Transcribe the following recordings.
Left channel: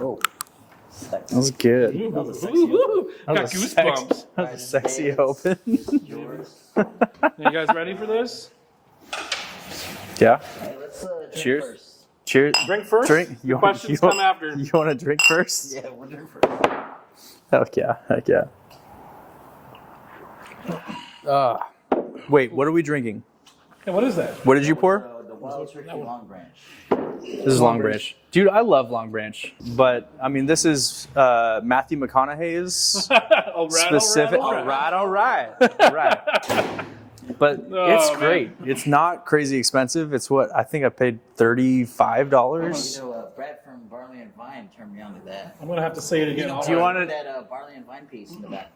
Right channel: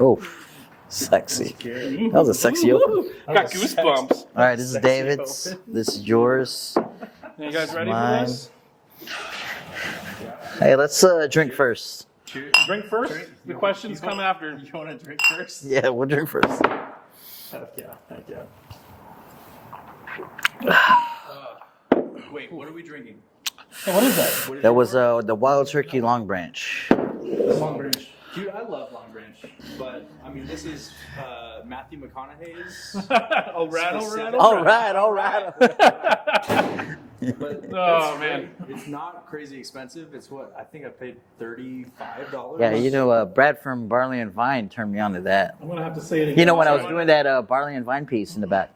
Oh, sexy. That's good. That was a sexy open. Got goosebumps. All right, this is Sexy David's. open. This is yours. You guys ready for Mine. this? Yeah. Hey, let's drink Cheers. first. Cheers. Drink first. Drink. The questions come after. You want to drink first? Yeah, we'll drink first. Heck yeah. Heck yeah. Wait, what are we drinking? Hey, what is that? What did That you was pour? the Wild Turkey Long Branch. This is Long Branch. Dude, I love Long Branch. But, I mean, this is Matthew McConaughey's All right, specific. all right. But Oh, it's man. great. It's not crazy expensive. It's what I think I paid $35. Yeah, you know, Brad from Barley and Vine turned me on to that. I'm gonna have to say it again. You know, when I was Also, doing that Barley and Vine piece in the back,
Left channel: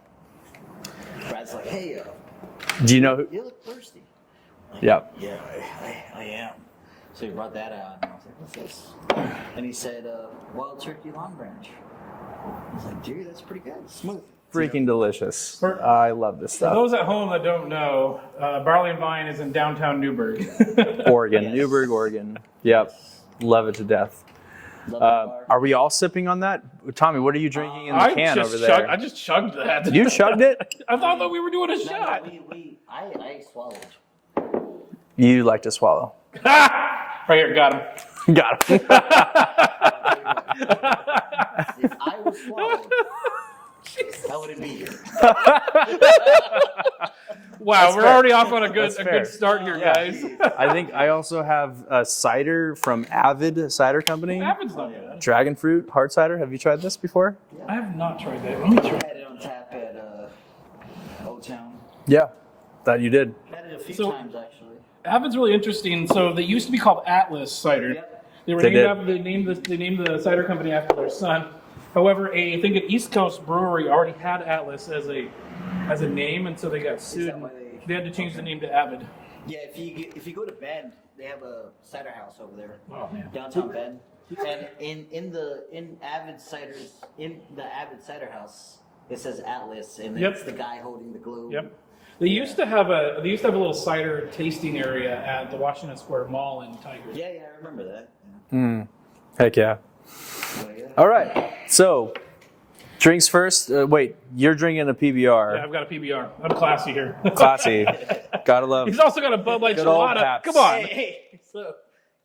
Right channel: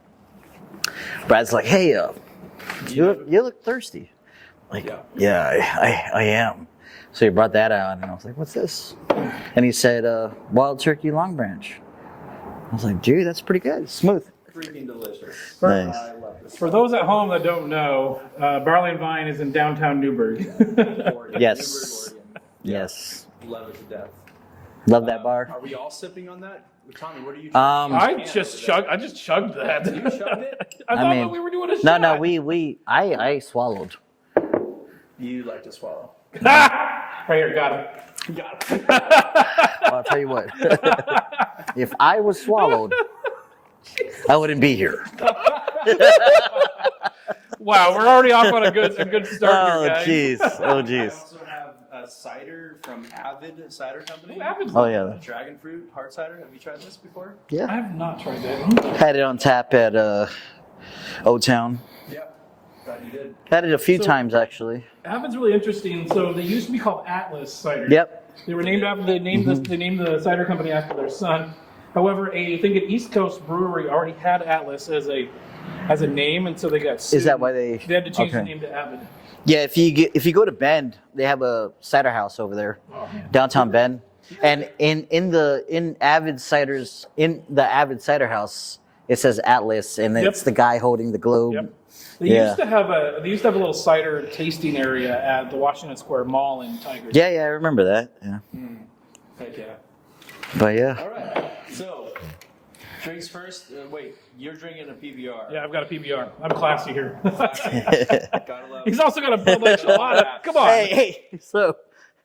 Brad's like, "Hey, Do you know? you look thirsty." Like, Yeah. yeah, I am. So he brought that out, and I was like, "What's this?" And he said, "Wild Turkey Long Branch." I was like, "Dude, that's pretty good. Smooth." Freaking delicious. Nice. I love this For stuff. those at home that don't know, Barley and Vine is in downtown Newberg. Oregon, Yes. Newberg, Oregon. Yeah. Yes. Love it to death. Love that bar. Are we all sipping on that? Tommy, what are you drinking in the I can just over chugged. there? I just chugged that. You chugged it? I thought mean, that we were doing a No, shot. no, I swallowed. You like to swallow. Right here, got him. Got it. I'll tell you what. If I was swallowed, I wouldn't be here. Wow, we're already off on a good start here, guys. Jeez. I also have a cider from Avid Cider Company. Oh yeah. Dragon fruit hard cider. Have you tried this before? I Yeah. have not tried that. Let me try. Had it on tap at O-Town. Yeah, that you did. Had it a few So- times actually. Avid's really interesting. So they used to be called Atlas Cider. Yep. They were They named did. after they named the cider company after their son. However, I think an East Coast brewery already had Atlas as a name, and so they got sued. Is that why they had to change the okay. name to Avid? Yeah, if you go to Bend, they have a cider house over there. Oh, man. Downtown Bend. And in the Avid Cider house, it says Atlas, and Yep. it's the guy holding the globe. Yep. They used to have a little cider tasting area at the Washington Square Mall in Tigard. Yeah, I remember that. Yeah. Heck yeah. But yeah. All right. So, drinks first. Wait, you're drinking a PBR. Yeah, I've got a PBR. I'm classy here. Classy. Gotta love. He's also got a Bud Light Love Chelada. that. Come on. Hey, so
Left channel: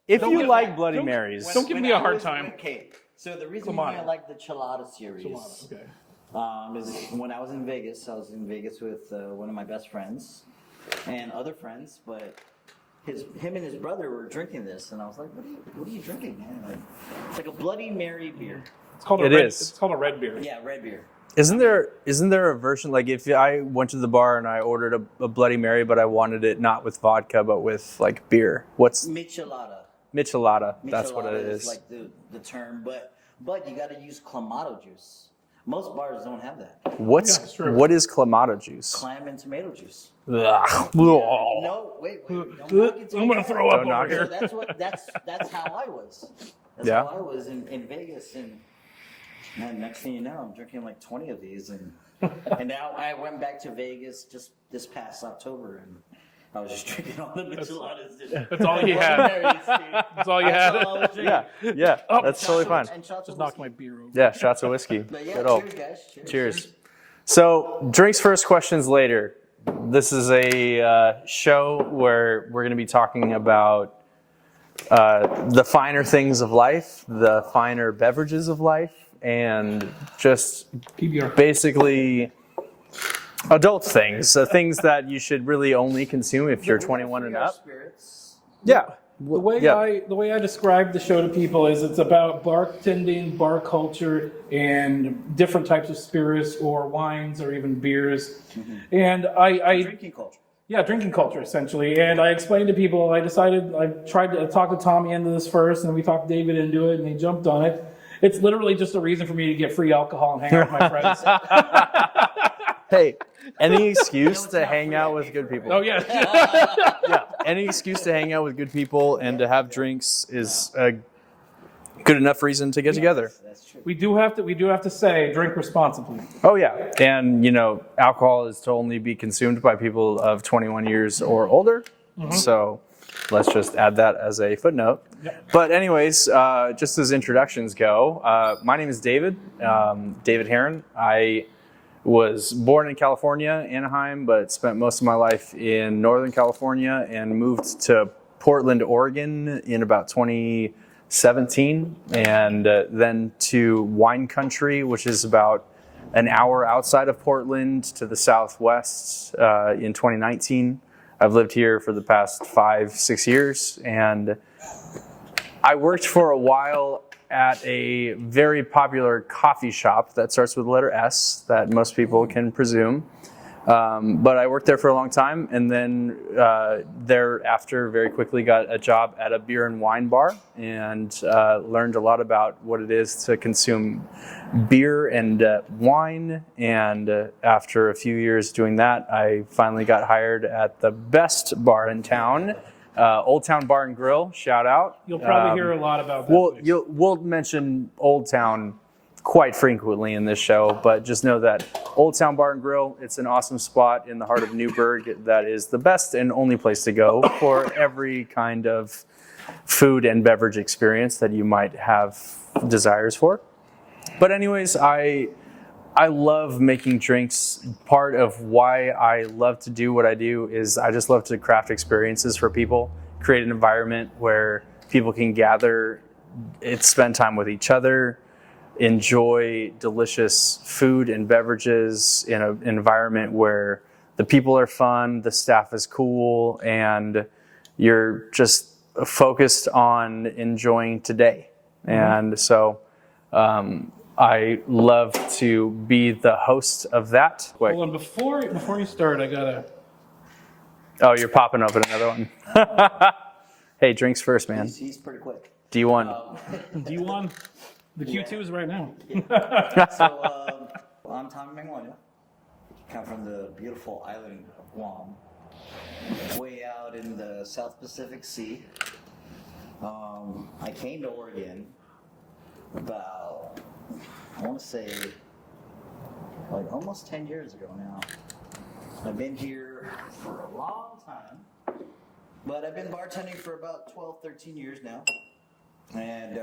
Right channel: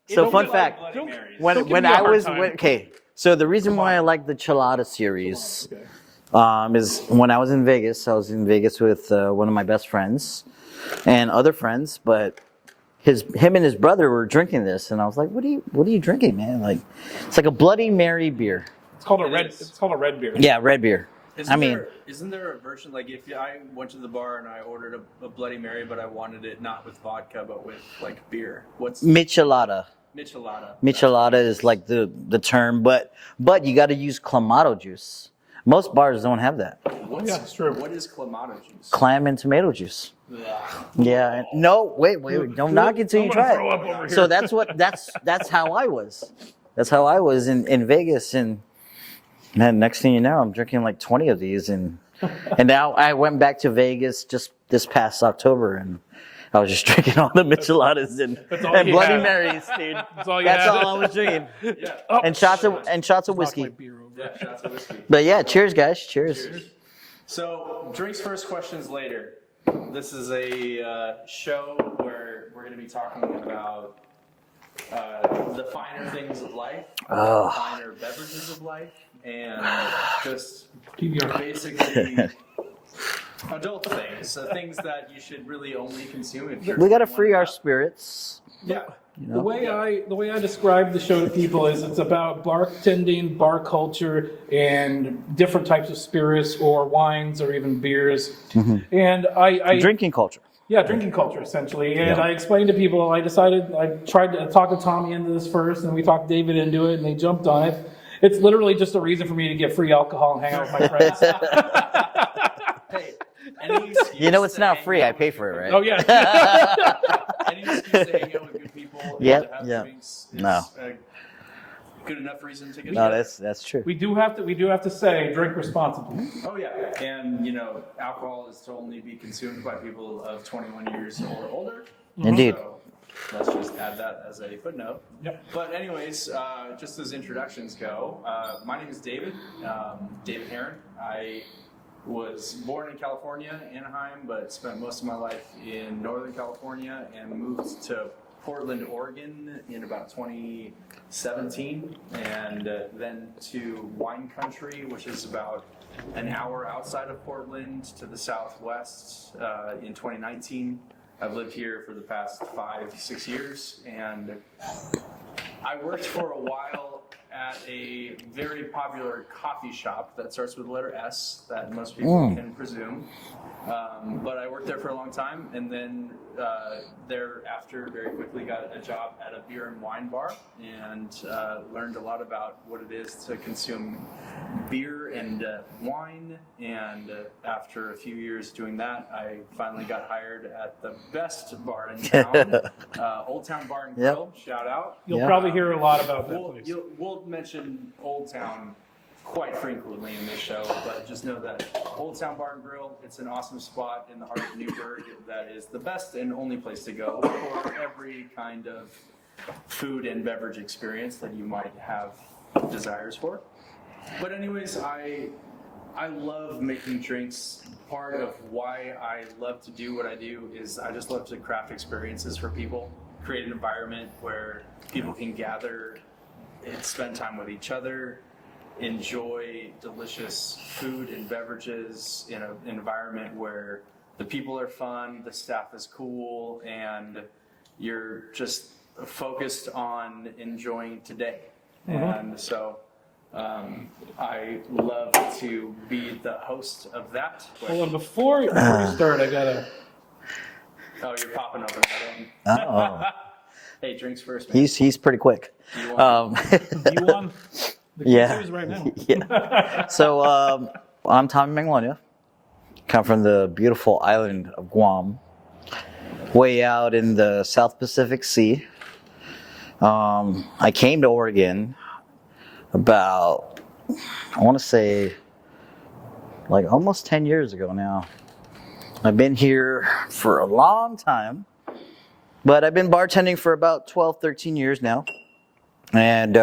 If so you fun like fact. Bloody Don't- Marys. Don't give me a hard time. okay. So the reason Come why I on. like the Chelada series Okay. is when I was in Vegas. I was in Vegas with one of my best friends and other friends, but him and his brother were drinking this, and I was like, "What are you drinking, man? Like, it's like a Bloody Mary beer." It's called a It red. is. It's called a red beer. Yeah, red beer. Isn't I mean- there a version, like if I went to the bar and I ordered a Bloody Mary, but I wanted it not with vodka, but with like beer? What's Michelada. Michelada? That's what Michelada it is like the term, but you got to use clamato juice. Most bars don't have that. Yeah, it's true. What is clamato juice? Clam and tomato juice. Ugh. Yeah. No, wait. Don't knock it till I'm you gonna try throw it. up over So here. that's how I was. That's Yeah. how I was in Vegas, and then next thing you know, I'm drinking like 20 of these, and now I went back to Vegas just this past October, and I was just drinking all the Micheladas and That's all and you Bloody had. Marys, dude. That's all you That's had. all I was drinking. Yeah. Oh, And That's shots totally of fine. and shots of Knock whiskey. my beer over. Yeah, shots of whiskey. But yeah, Good cheers, guys. Cheers. Cheers. So, drinks first, questions later. This is a show where we're going to be talking about the finer things of life, the finer beverages of life, and just PBR. basically adult things, things that you should really only consume if you're We got to 21 free and our up. spirits. Yeah. The way Yeah. I describe the show to people is it's about bartending, bar culture, and different types of spirits or wines or even beers. And I Drinking culture. yeah, drinking culture essentially. And I explained to people. I tried to talk to Tommy into this first, and we talked David into it, and they jumped on it. It's literally just a reason for me to get free alcohol and hang out with my friends. Hey, Any excuse you know it's to not hang free. out I with pay good for it, people. right? Oh yeah. Any excuse to hang out with good people and Yeah, to have yeah. drinks is No. a good enough reason to get No, together. that's true. We do have to say drink responsibly. Oh yeah, and alcohol is to only be consumed by people of 21 years or older. Indeed. So let's just add that as a footnote. Yep. But anyways, just as introductions go, my name is David, David Heron. I was born in California, Anaheim, but spent most of my life in Northern California and moved to Portland, Oregon in about 2017, and then to wine country, which is about an hour outside of Portland to the southwest in 2019. I've lived here for the past 5-6 years, and I worked for a while at a very popular coffee shop that starts with the letter S that most people can presume. But I worked there for a long time, and then thereafter very quickly got a job at a beer and wine bar, and learned a lot about what it is to consume beer and wine. And after a few years doing that, I finally got hired at the best bar in town, Old Town Bar and Grill. Shout out. You'll probably hear a lot about that. We'll mention Old Town quite frequently in this show, but just know that Old Town Bar and Grill, it's an awesome spot in the heart of Newberg that is the best and only place to go for every kind of food and beverage experience that you might have desires for. But anyways, I love making drinks. Part of why I love to do what I do is I just love to craft experiences for people, create an environment where people can gather, spend time with each other, enjoy delicious food and beverages in an environment where the people are fun, the staff is cool, and you're just focused on enjoying today. And so I love to be the host of that. Hold on, before you start, I gotta... Oh, you're popping open another one. Oh. Hey, drinks first, man. He's pretty quick. D1. D1, the Q2 is right now. Yeah. So I'm Tommy Magnolia. Come from the beautiful island of Guam, way out in the South Pacific Sea. I came to Oregon about, I want to say, like almost 10 years ago now. I've been here for a long time, but I've been bartending for about 12, 13 years now. And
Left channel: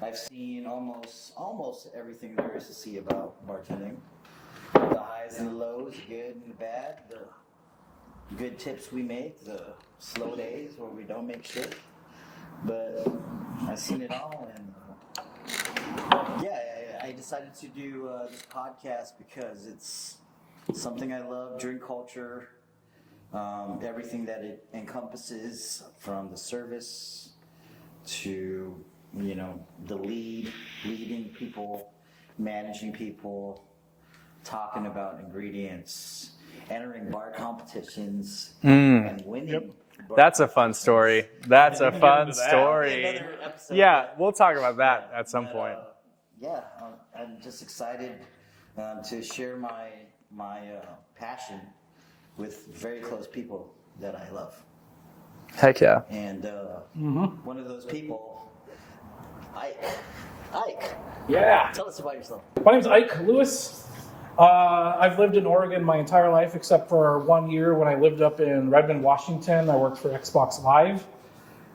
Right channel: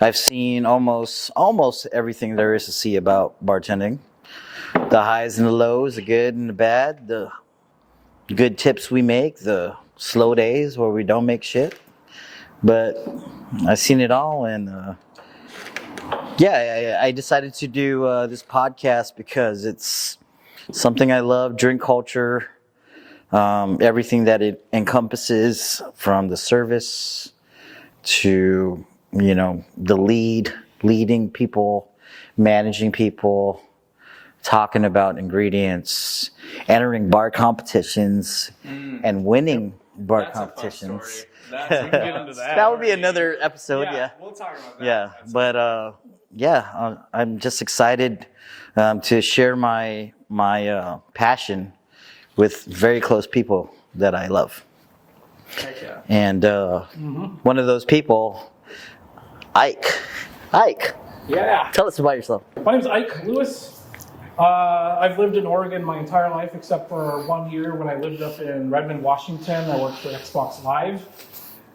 I've seen almost everything there is to see about bartending. The highs and the lows, the good and the bad, the good tips we make, the slow days where we don't make shit. But I've seen it all, and I decided to do this podcast because it's something I love, drink culture, everything that it encompasses, from the service to, the leading people, managing people, talking about ingredients, entering bar competitions, and winning bar That's a fun competitions. story. That's a fun story. That would be another episode. Yeah, we'll talk about that at some point. I'm just excited to share my passion with very close people that I love. Heck yeah. And one of those people, Ike. Ike, Yeah. tell us about yourself. My name's Ike Lewis. I've lived in Oregon my entire life, except for 1 year when I lived up in Redmond, Washington. I worked for Xbox Live.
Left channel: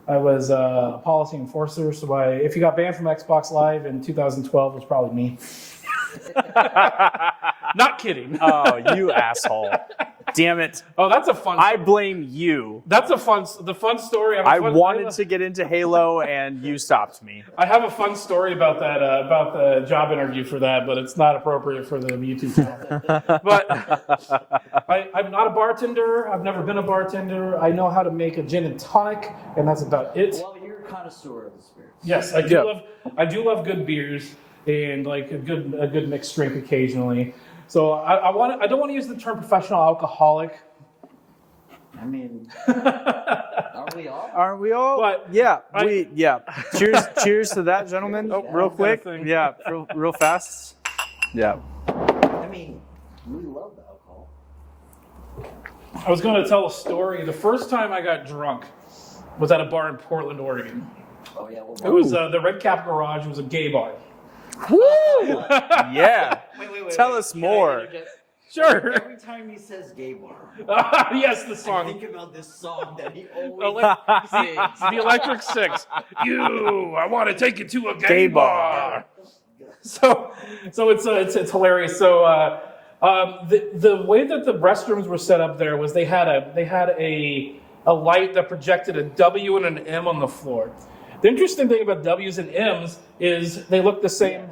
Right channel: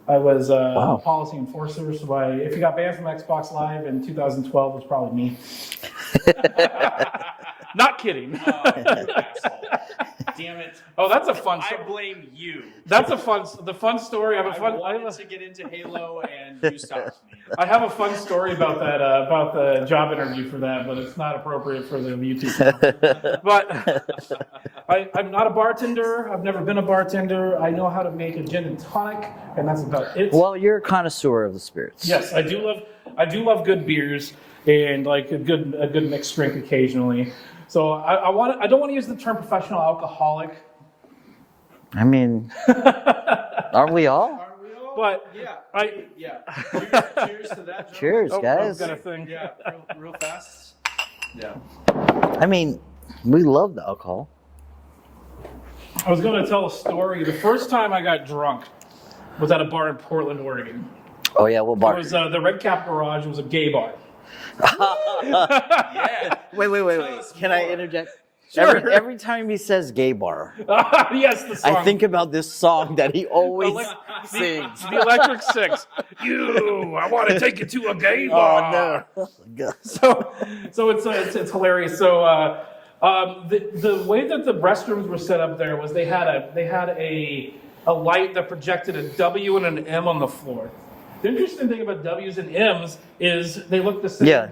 I was a policy enforcer, so if you got banned from Xbox Live in 2012, it was probably me. Not kidding. Oh, you asshole. Damn it. Oh, that's a fun I story. blame you. That's the fun story. I wanted to get into Halo and you stopped me. I have a fun story about that, about the job interview for that, but it's not appropriate for the YouTube channel. But I'm not a bartender. I've never been a bartender. I know how to make a gin and tonic, and that's about it. Well, you're a connoisseur of the spirits. Yes, I do love good beers and like a good mixed drink occasionally. So I don't want to use the term professional alcoholic. I mean, aren't we all? Aren't we all? But yeah. Cheers to that, gentlemen. Cheers, guys. Real quick. Thing. Yeah, real fast. Yeah. I mean, we love the alcohol. I was going to tell a story. The first time I got drunk was at a bar in Portland, Oregon. Oh yeah, what bar? It was the Red Cap Garage. It was a gay bar. Yeah. Wait. Tell us Can more. I interject? Sure. Every time he says gay bar, Yes, the song. I think about this song that he always sings. The Electric Six. I want to take you to a gay bar. So it's hilarious. So the way that the restrooms were set up there was they had a light that projected a W and an M on the floor. The interesting thing about W's and M's is they look the same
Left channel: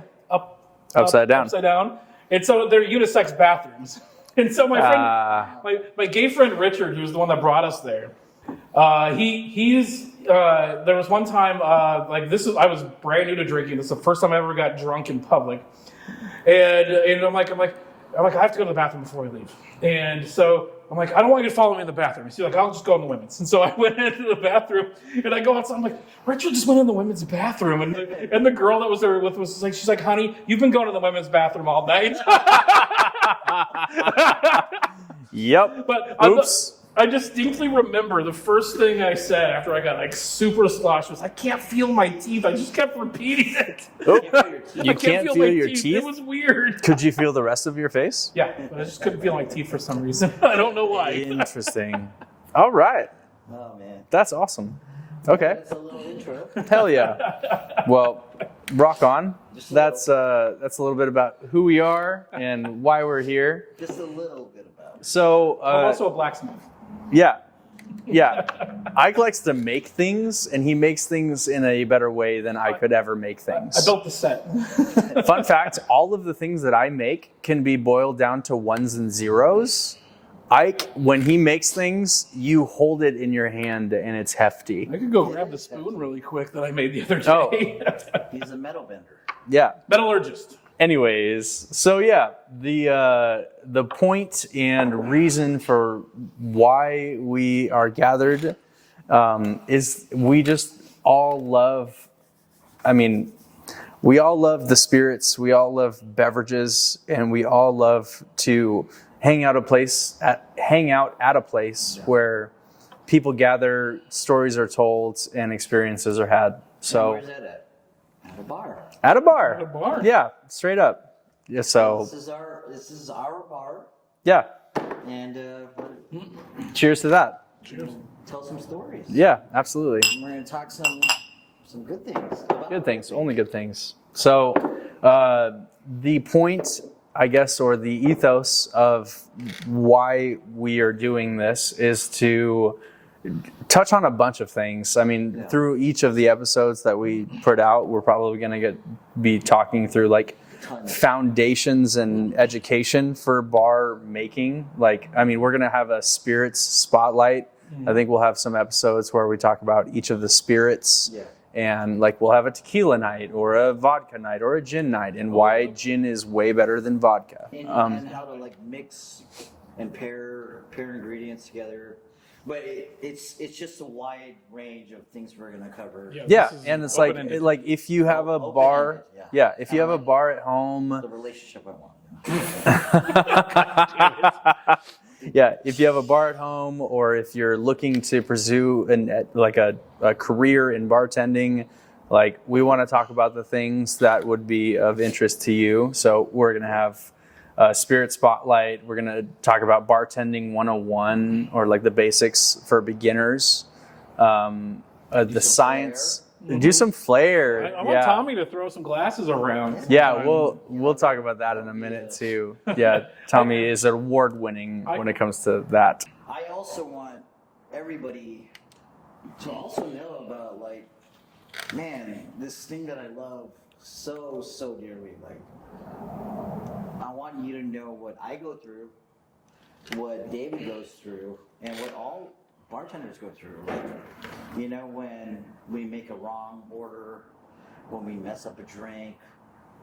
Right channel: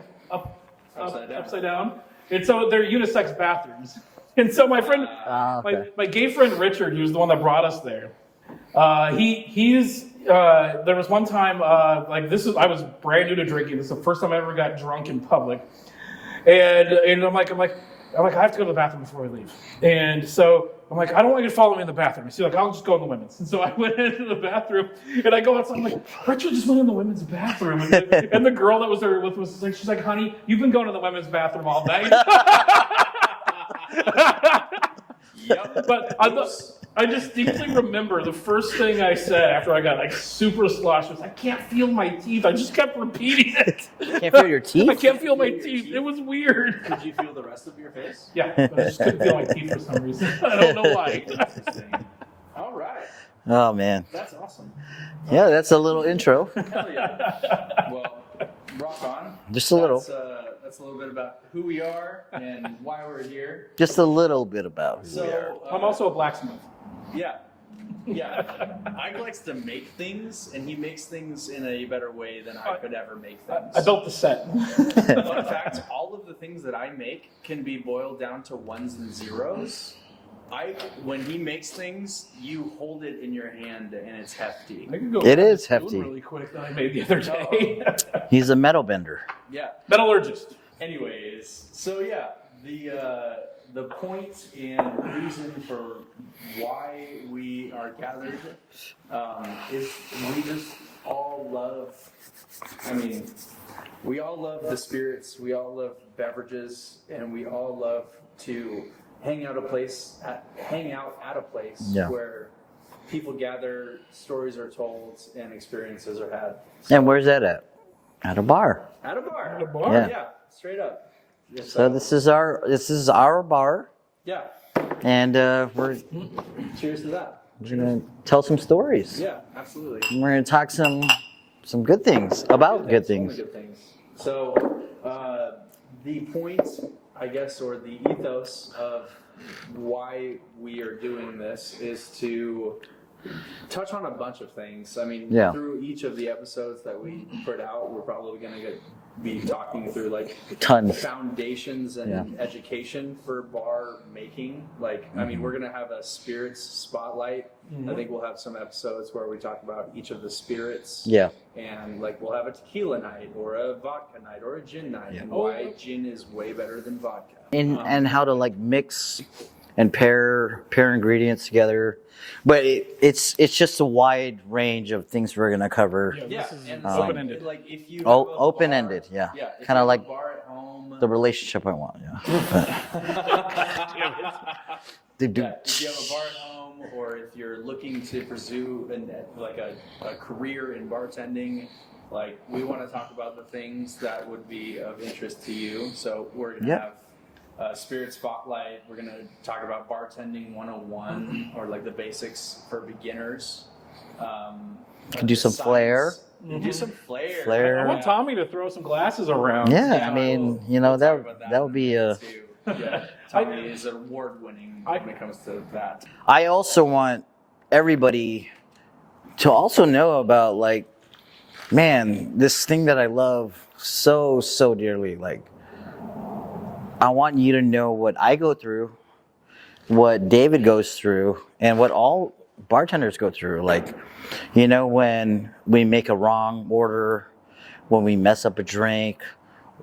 upside down. And so they're unisex bathrooms. And so my friend, my gay friend Richard, who's the one that brought us there, there was one time, I was brand new to drinking. This is the first time I ever got drunk in public. And I'm like, I have to go to the bathroom before we leave. And so I'm like, I don't want you to follow me in the bathroom. He's like, I'll just go in the women's. And so I went into the bathroom and I go outside. I'm like, Richard just went in the women's bathroom. And the girl that was there with was like, she's like, honey, you've been going to the women's bathroom all night. Yep. But I distinctly remember the first thing I said after I got like super sloshed was, I can't feel my teeth. I just kept repeating it. You can't feel your teeth? I can't feel my your teeth. teeth? It was weird. Could you feel the rest of your face? Yeah, but I just couldn't feel my teeth for some reason. I don't know why. Interesting. All right. Oh, man. That's awesome. Okay. Yeah, that's a little intro. Hell yeah. Well, rock on. Just a little. That's a little bit about who we are and why we're here. Just a little bit about. So I'm also a blacksmith. Yeah. Ike likes to make things, and he makes things in a better way than I could ever make things. I built the set. Fun fact, all of the things that I make can be boiled down to ones and zeros. Ike, when he makes things, you hold it in your hand, and it's hefty. I could go It grab is the spoon hefty. really quick that I made the other day. He's a metal bender. Yeah. Metallurgist. Anyways, so yeah, the point and reason for why we are gathered is we just all love. I mean, we all love the spirits. We all love beverages, and we all love to hang out at a place where people gather, stories are told, and experiences are had. So, And where's that at? At a bar. At a bar. At a bar. Yeah, straight up. Yeah, So this is our bar, yeah. and we're Cheers to that. gonna tell some stories. Yeah, absolutely. We're gonna talk some good things about good things. Only good things. So the point, I guess, or the ethos of why we are doing this is to touch on a bunch of things. I mean, through each of the episodes that we put out, we're probably going to be talking through like Tons. foundations and education for bar making. Like, I mean, we're going to have a spirits spotlight. I think we'll have some episodes where we talk about each of the spirits. Yeah. And like we'll have a tequila night or a vodka night or a gin night and why gin is way better than vodka. And how to like mix and pair ingredients together. But it's just a wide range of things we're gonna cover. Yeah, and it's like if you have a open-ended, bar, yeah. if Kinda you have like a bar at home, The relationship I want. yeah, if you have a bar at home, or if you're looking to pursue a career in bartending, like we want to talk about the things that would be of interest to you. So we're gonna have a spirit spotlight. We're gonna talk about bartending 101, or like the basics for beginners. Do some flair. Do some flair. I want Tommy to throw some glasses around. Yeah, I mean, we'll talk about that in a minute too. Yeah, Tommy is award-winning when it comes to that. I also want everybody to also know about, like, man, this thing that I love so dearly. Like, I want you to know what I go through, what David goes through, and what all bartenders go through. Like, you know, when we make a wrong order, when we mess up a drink,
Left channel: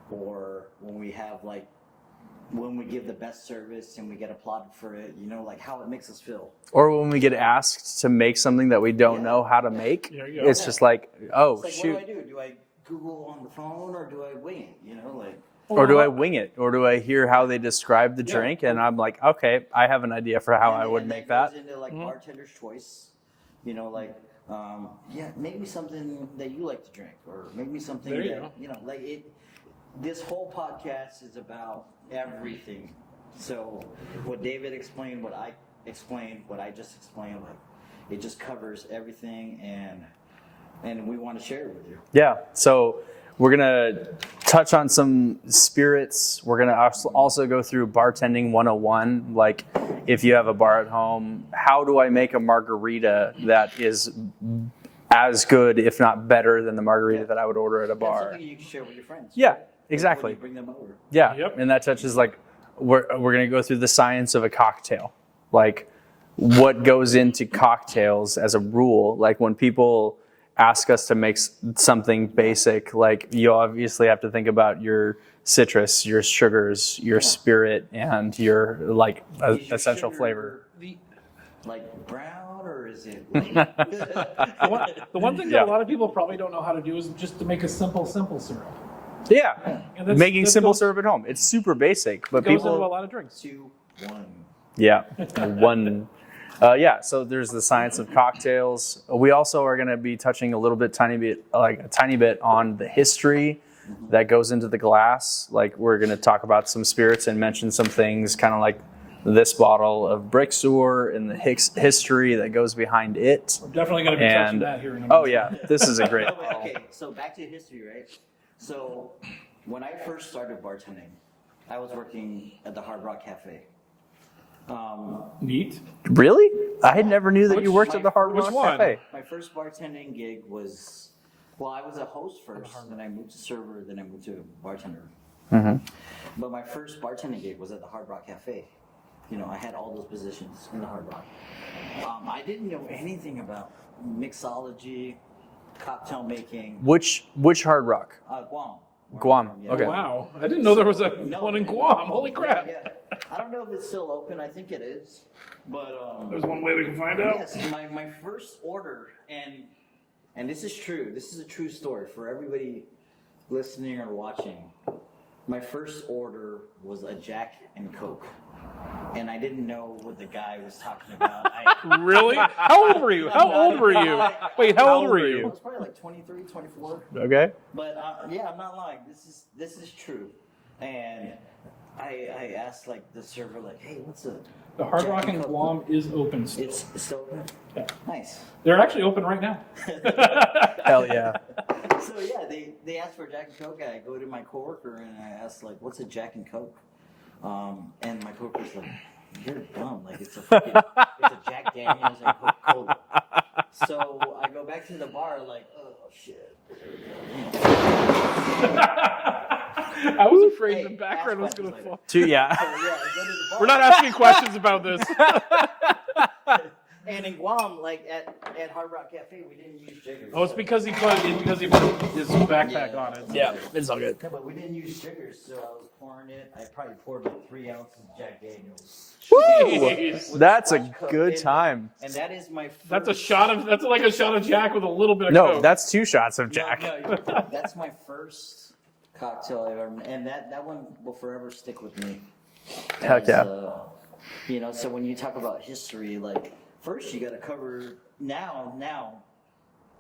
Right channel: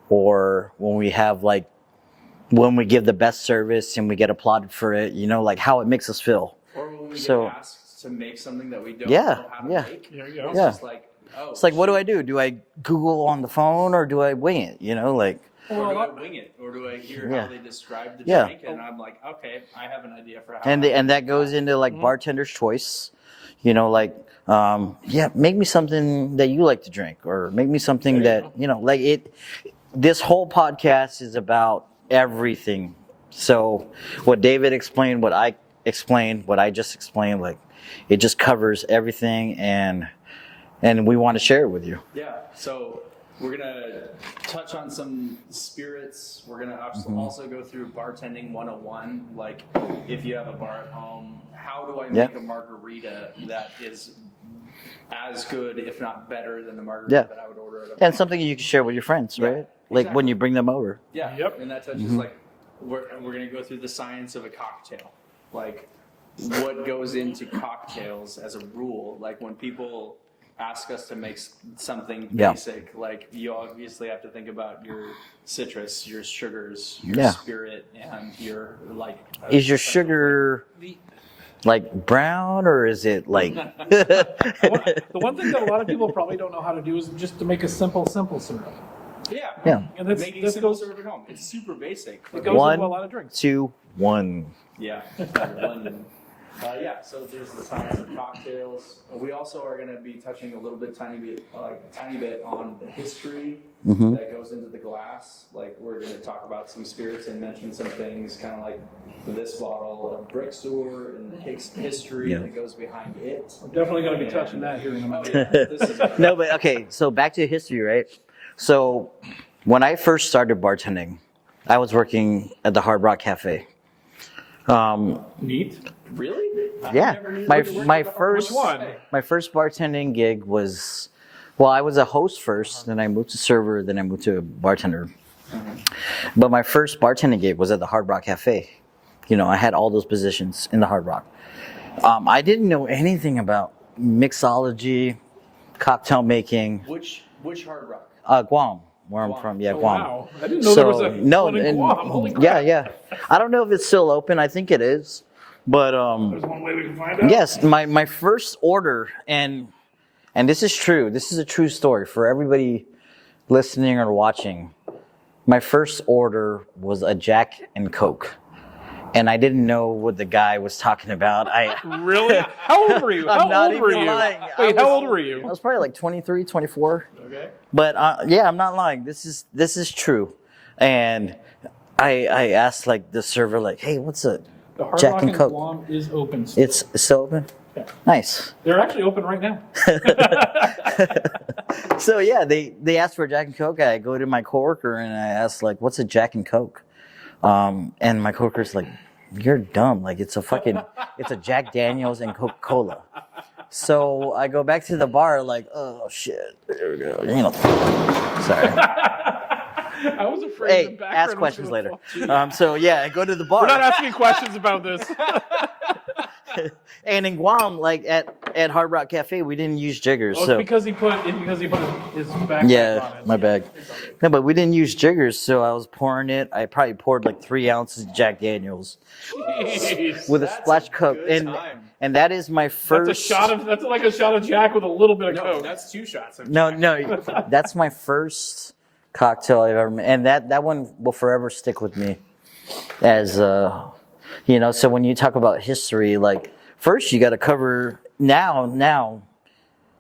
or when we have when we give the best service and we get applauded for it, you know, like how it makes us feel. Or when we get asked to make something that we don't know how to make, it's just like, oh, it's like, what do I do? Do I Google on the phone, or do I wing it? You know, like. Or do I wing it? Or do I hear how they describe the drink, and I'm like, okay, I have an idea for how. And that goes into like bartender's choice, you know, like make me something that you like to drink, or make me something that you know, like it. This whole podcast is about everything So what David explained, what I explained, what I just explained, like it just covers everything, and we want to share it with you. Yeah. So we're gonna touch on some spirits. We're gonna also go through bartending 101. Like, if you have a bar at home, how do I make a margarita that is as good, if not better, than the margarita that I would order at a bar? And something you can share with your friends, Yeah, right? Like exactly. when you bring them over. Yeah. Yep. And that touches like we're gonna go through the science of a cocktail, like what goes into cocktails as a rule. Like when people ask us to make something basic, like you obviously have to think about your citrus, your sugars, your spirit, and your like. Is your essential sugar like brown, or is it like? The one thing that a lot of people probably don't know how to do is just to make a simple syrup. Yeah. And that's- Making that simple goes- syrup at home. It's super basic, but Goes people, into a lot of drinks. 2, 1. yeah, one. So there's the science of cocktails. We also are going to be touching a tiny bit on the history that goes into the glass. Like we're going to talk about some spirits and mention some things, kind of like this bottle of Brixor and the history that goes behind it. We're definitely going to be touching that here in a minute. Oh yeah, this is a great. No, but okay. So back to history, right? So when I first started bartending, I was working at the Hard Rock Cafe. Neat. Really? I Yeah. never knew that you worked at the Hard Rock one. Cafe. My first bartending gig was, well, I was a host first, then I moved to server, then I moved to bartender. But my first bartending gig was at the Hard Rock Cafe. You know, I had all those positions in the Hard Rock. I didn't know anything about mixology, cocktail making. Which Hard Rock? Guam, where Guam. I'm from. Yeah, Okay. Guam. Wow. I didn't know there was a one in and- Guam. Holy crap. Yeah. I don't know if it's still open. I think it is. But There's one way we can find out. yes, my first order, and this is true. This is a true story for everybody listening or watching. My first order was a Jack and Coke. And I didn't know what the guy was talking about. Really? How old were you? How old were you? Wait, how old were I you? was probably like 23, 24. Okay. But yeah, I'm not lying. This is true. And I asked like the server, like, hey, what's a The Hard Jack Rock and in Coke? Guam is open still. It's still open? Yeah. Nice. They're actually open right now. Hell yeah. So yeah, they asked for a Jack and Coke. I go to my coworker and I asked like, what's a Jack and Coke? And my coworker's like, you're dumb. Like it's a Jack Daniels and Coca-Cola. So I go back to the bar like, oh shit. There we go. You know. Sorry. I was afraid Hey, the background ask was questions going to later. fall. Too young. So yeah, I go to the bar. We're not asking questions about this. And in Guam, like at Hard Rock Cafe, we didn't use jiggers. Oh, it's so. because he put his backpack on Yeah, it. my bad. It's all good. No, but we didn't use jiggers, so I was pouring it. I probably poured like 3 ounces of Jack Daniels. Jeez. With That's a splash cup. good time. And that is my first. That's like a shot of Jack with a little bit of No, Coke. that's 2 shots of No, Jack. no, that's my first cocktail I've ever made, and that one will forever stick with me. As you know, so when you talk about history, like first you got to cover now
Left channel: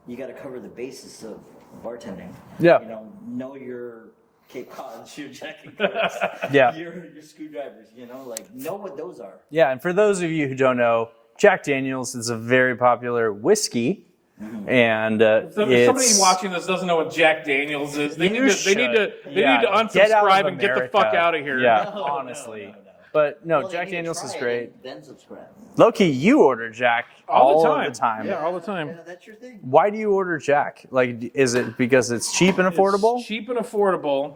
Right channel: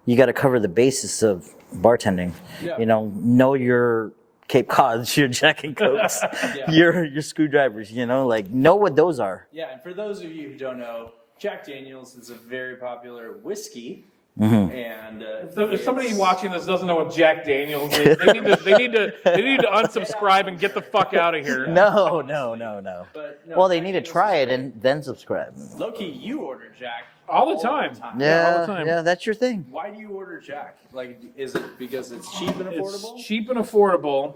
you got to cover the basis of bartending. Yeah. You know your Cape Cods, your Jack and Cokes, Yeah. your screwdrivers. You know, like know what those are. Yeah, and for those of you who don't know, Jack Daniels is a very popular whiskey, and If somebody watching this doesn't know what Jack Daniels is, they need to unsubscribe and get the fuck America. out of here. Yeah. No. honestly. But no, Well, they Jack need to Daniels try is it great. and then subscribe. Low-key, you order Jack All the time. Yeah, all the time. Yeah, that's your thing. Why do you order Jack? Like, is it because it's cheap and affordable? It's cheap and affordable.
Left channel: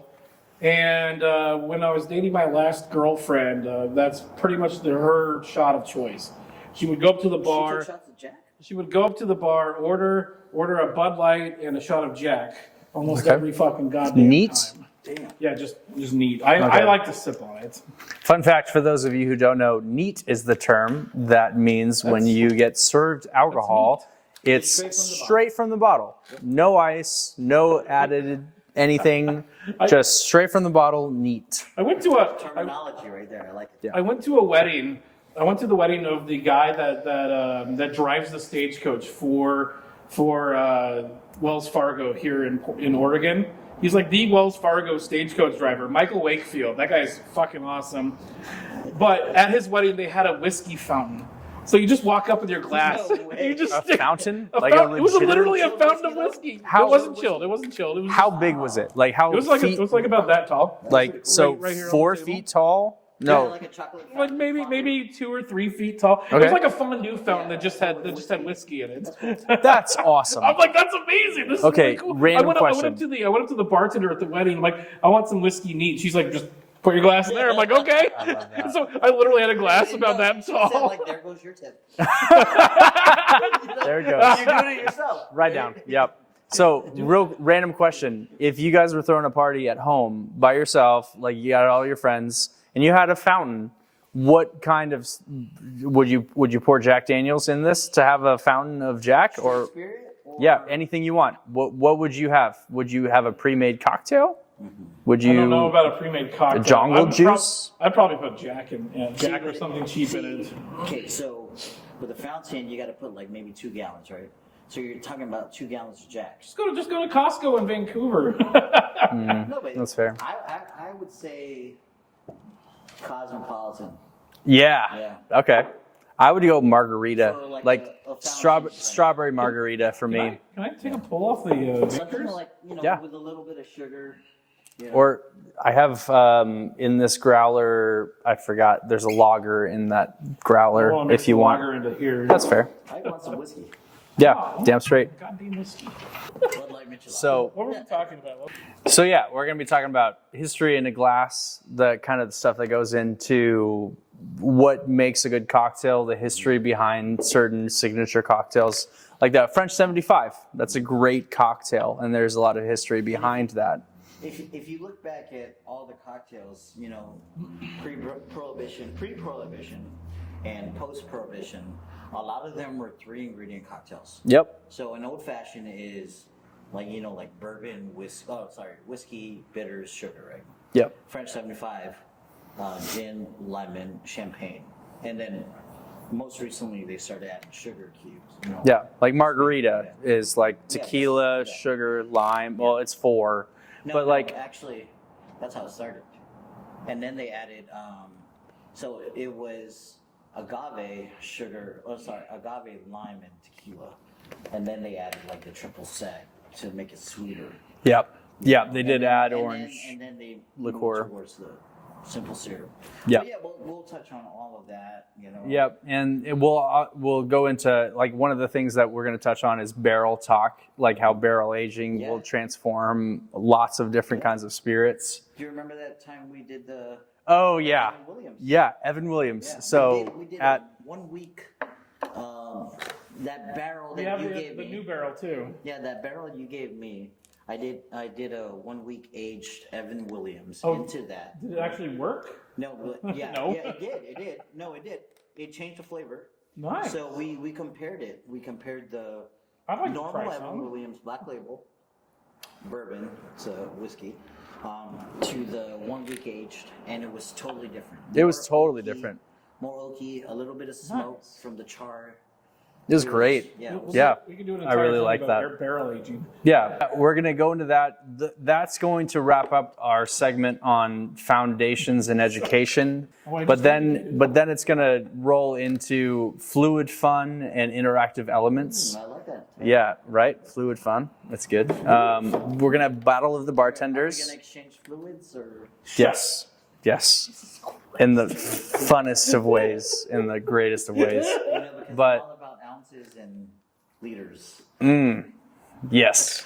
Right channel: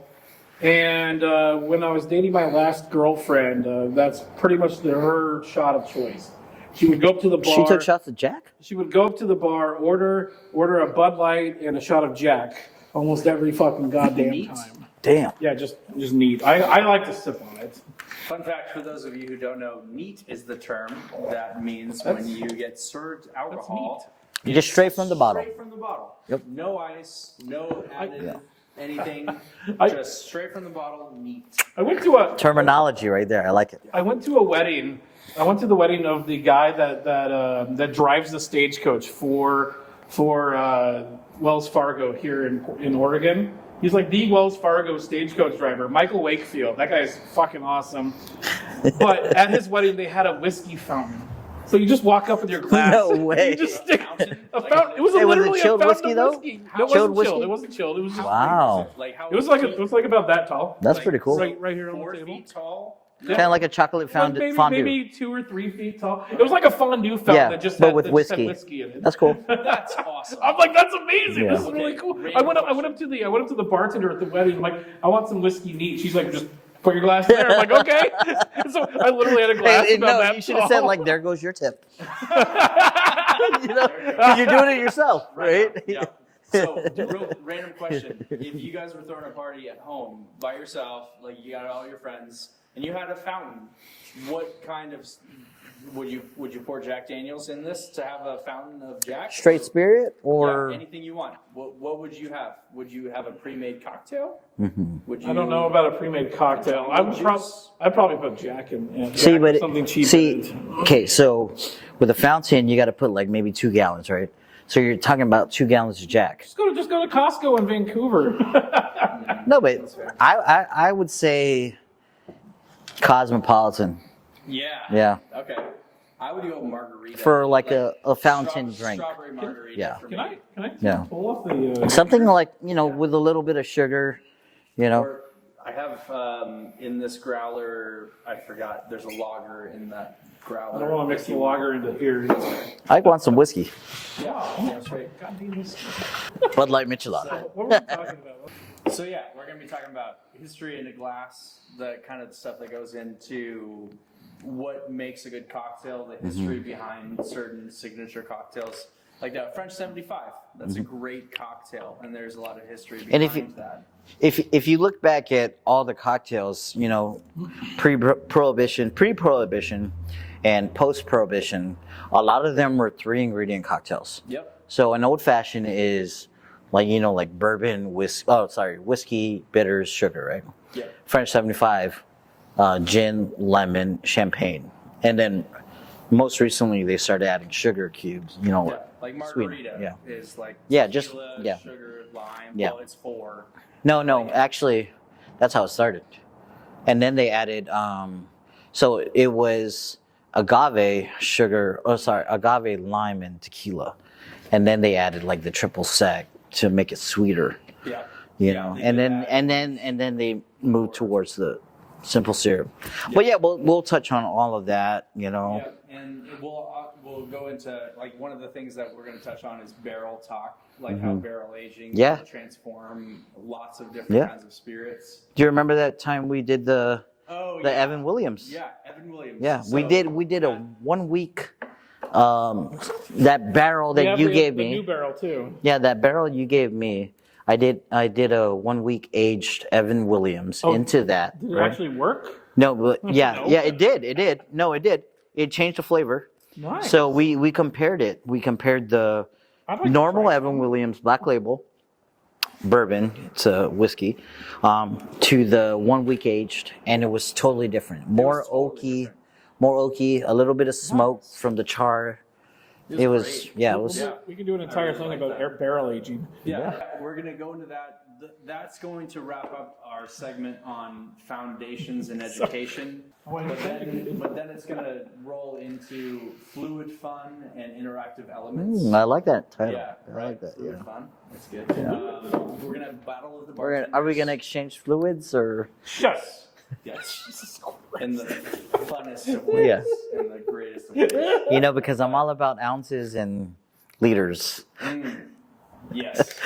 And when I was dating my last girlfriend, that's pretty much her shot of choice. She would go up to the bar. She took shots of Jack? She would go up to the bar, order a Bud Light and a shot of Jack almost every fucking goddamn Neat. time. Damn. Yeah, just neat. I like to sip on it. Fun fact for those of you who don't know, neat is the term that means when you get served alcohol, it's Just straight from the bottle. Straight from the bottle. No ice, no added anything, just straight from the bottle, neat. I went to a Terminology right there. I like it. I went to a wedding. I went to the wedding of the guy that drives the stagecoach for Wells Fargo here in Oregon. He's like the Wells Fargo stagecoach driver, Michael Wakefield. That guy's fucking awesome. But at his wedding, they had a whiskey fountain. So you just walk up with your glass. No way. You just A fountain? A Like fountain. It was was it literally a chilled fountain whiskey, of though? whiskey. How It wasn't chilled chilled. whiskey? It wasn't chilled. It was How just, big was Wow. it? Like how? it was like feet, it was like about that tall. That's like, pretty cool. So Right here on the 4 table. feet tall. Kind of like a chocolate Like fondue. maybe 2 or 3 feet tall. It Okay. was like a fondue fountain Yeah, that just but had with that just had whiskey. whiskey in it. That's cool. That's awesome. I'm like, that's amazing. Yeah. This is Okay, really cool. random I went question. up to the bartender at the wedding. I'm like, I want some whiskey neat. She's like, just put your glass there. I'm like, okay. So I literally had a glass Hey, about no, that you should have tall. said like, "There goes your tip." There we go. You're doing it yourself, right? Yep. So, real random question: if you guys were throwing a party at home by yourself, like you got all your friends, and you had a fountain, what kind of would you pour Jack Daniels in this to have a fountain of Jack? Straight or, spirit, or Yeah, anything you want. What would you have? Would you have a pre-made cocktail? Would you? I don't know about a pre-made cocktail. jungle juice? I'd probably put Jack in. Yeah, Jack or something cheap in it. okay, so with a fountain, you got to put like maybe 2 gallons, right? So you're talking about 2 gallons of Jack. Just go to Costco in Vancouver. No, but That's fair. I would say Cosmopolitan. Yeah. Yeah. Okay. I would go margarita For like a fountain drink. Strawberry margarita for me. Can I Yeah. pull off the? Something like, Yeah. with a little bit of sugar, Or I have in this growler, I forgot, there's a lager in that growler. I want to mix if you the want. lager into here. That's fair. I want some whiskey. Yeah, Oh. damn straight. Goddamn whiskey. Bud Light Michelada. So, What were we talking about? so yeah, we're gonna be talking about history in a glass, the kind of stuff that goes into what makes a good cocktail, the history behind certain signature cocktails, like the French 75. That's a great cocktail, and there's a lot of history if you- behind that. If you look back at all the cocktails, pre-prohibition and post-prohibition, a lot of them were 3-ingredient cocktails. Yep. So an old fashioned is like bourbon, whiskey, bitters, sugar, right? Yep. French 75, gin, lemon, champagne, and then most recently they started adding sugar cubes. Yeah, like margarita Yeah. is like Yeah, just- tequila, yeah. sugar, lime. Yeah. Well, it's 4. No, But, no, like- actually, that's how it started. And then they added, so it was agave sugar, agave lime and tequila. And then they added like the triple sec to make it sweeter. Yep. you Yeah, know. they and did then, add and orange then they liqueur. moved towards the simple syrup. Yep. But yeah, we'll touch on all of that, Yep, and we'll go into like one of the things that we're going to touch on is barrel talk, like how barrel aging Yeah. will transform lots of different Yeah. kinds of spirits. Do you remember that time we did the Oh yeah, Evan Williams? yeah, Evan Williams. Yeah, So we did at- a 1 week, that barrel that Yeah, you the- gave the me. new barrel too. Yeah, that barrel you gave me, I did a 1 week aged Evan Williams Oh. into that. Did it actually work? No, but yeah, No. yeah, it did. No, it did. It changed the flavor. Nice. So we compared it. We compared the I'd like to normal try Evan some. Williams Black Label bourbon, it's a whiskey, to the 1 week aged, and it was totally different. It was totally different. More oaky, a little bit of smoke from the char. It was great. Yeah, it was. Yeah. We can do an I entire really thing like about that. barrel aging. Yeah, we're going to go into that. That's going to wrap up our segment on foundations in education. But then it's going to roll into fluid fun and interactive elements. I like that. Yeah, right. Fluid fun. That's good. We're going to have Battle of the Bartenders. Are we going to exchange fluids or? Yes. Yes. In the funnest of ways, in the greatest of ways. Because But- I'm all about ounces and liters. Yes.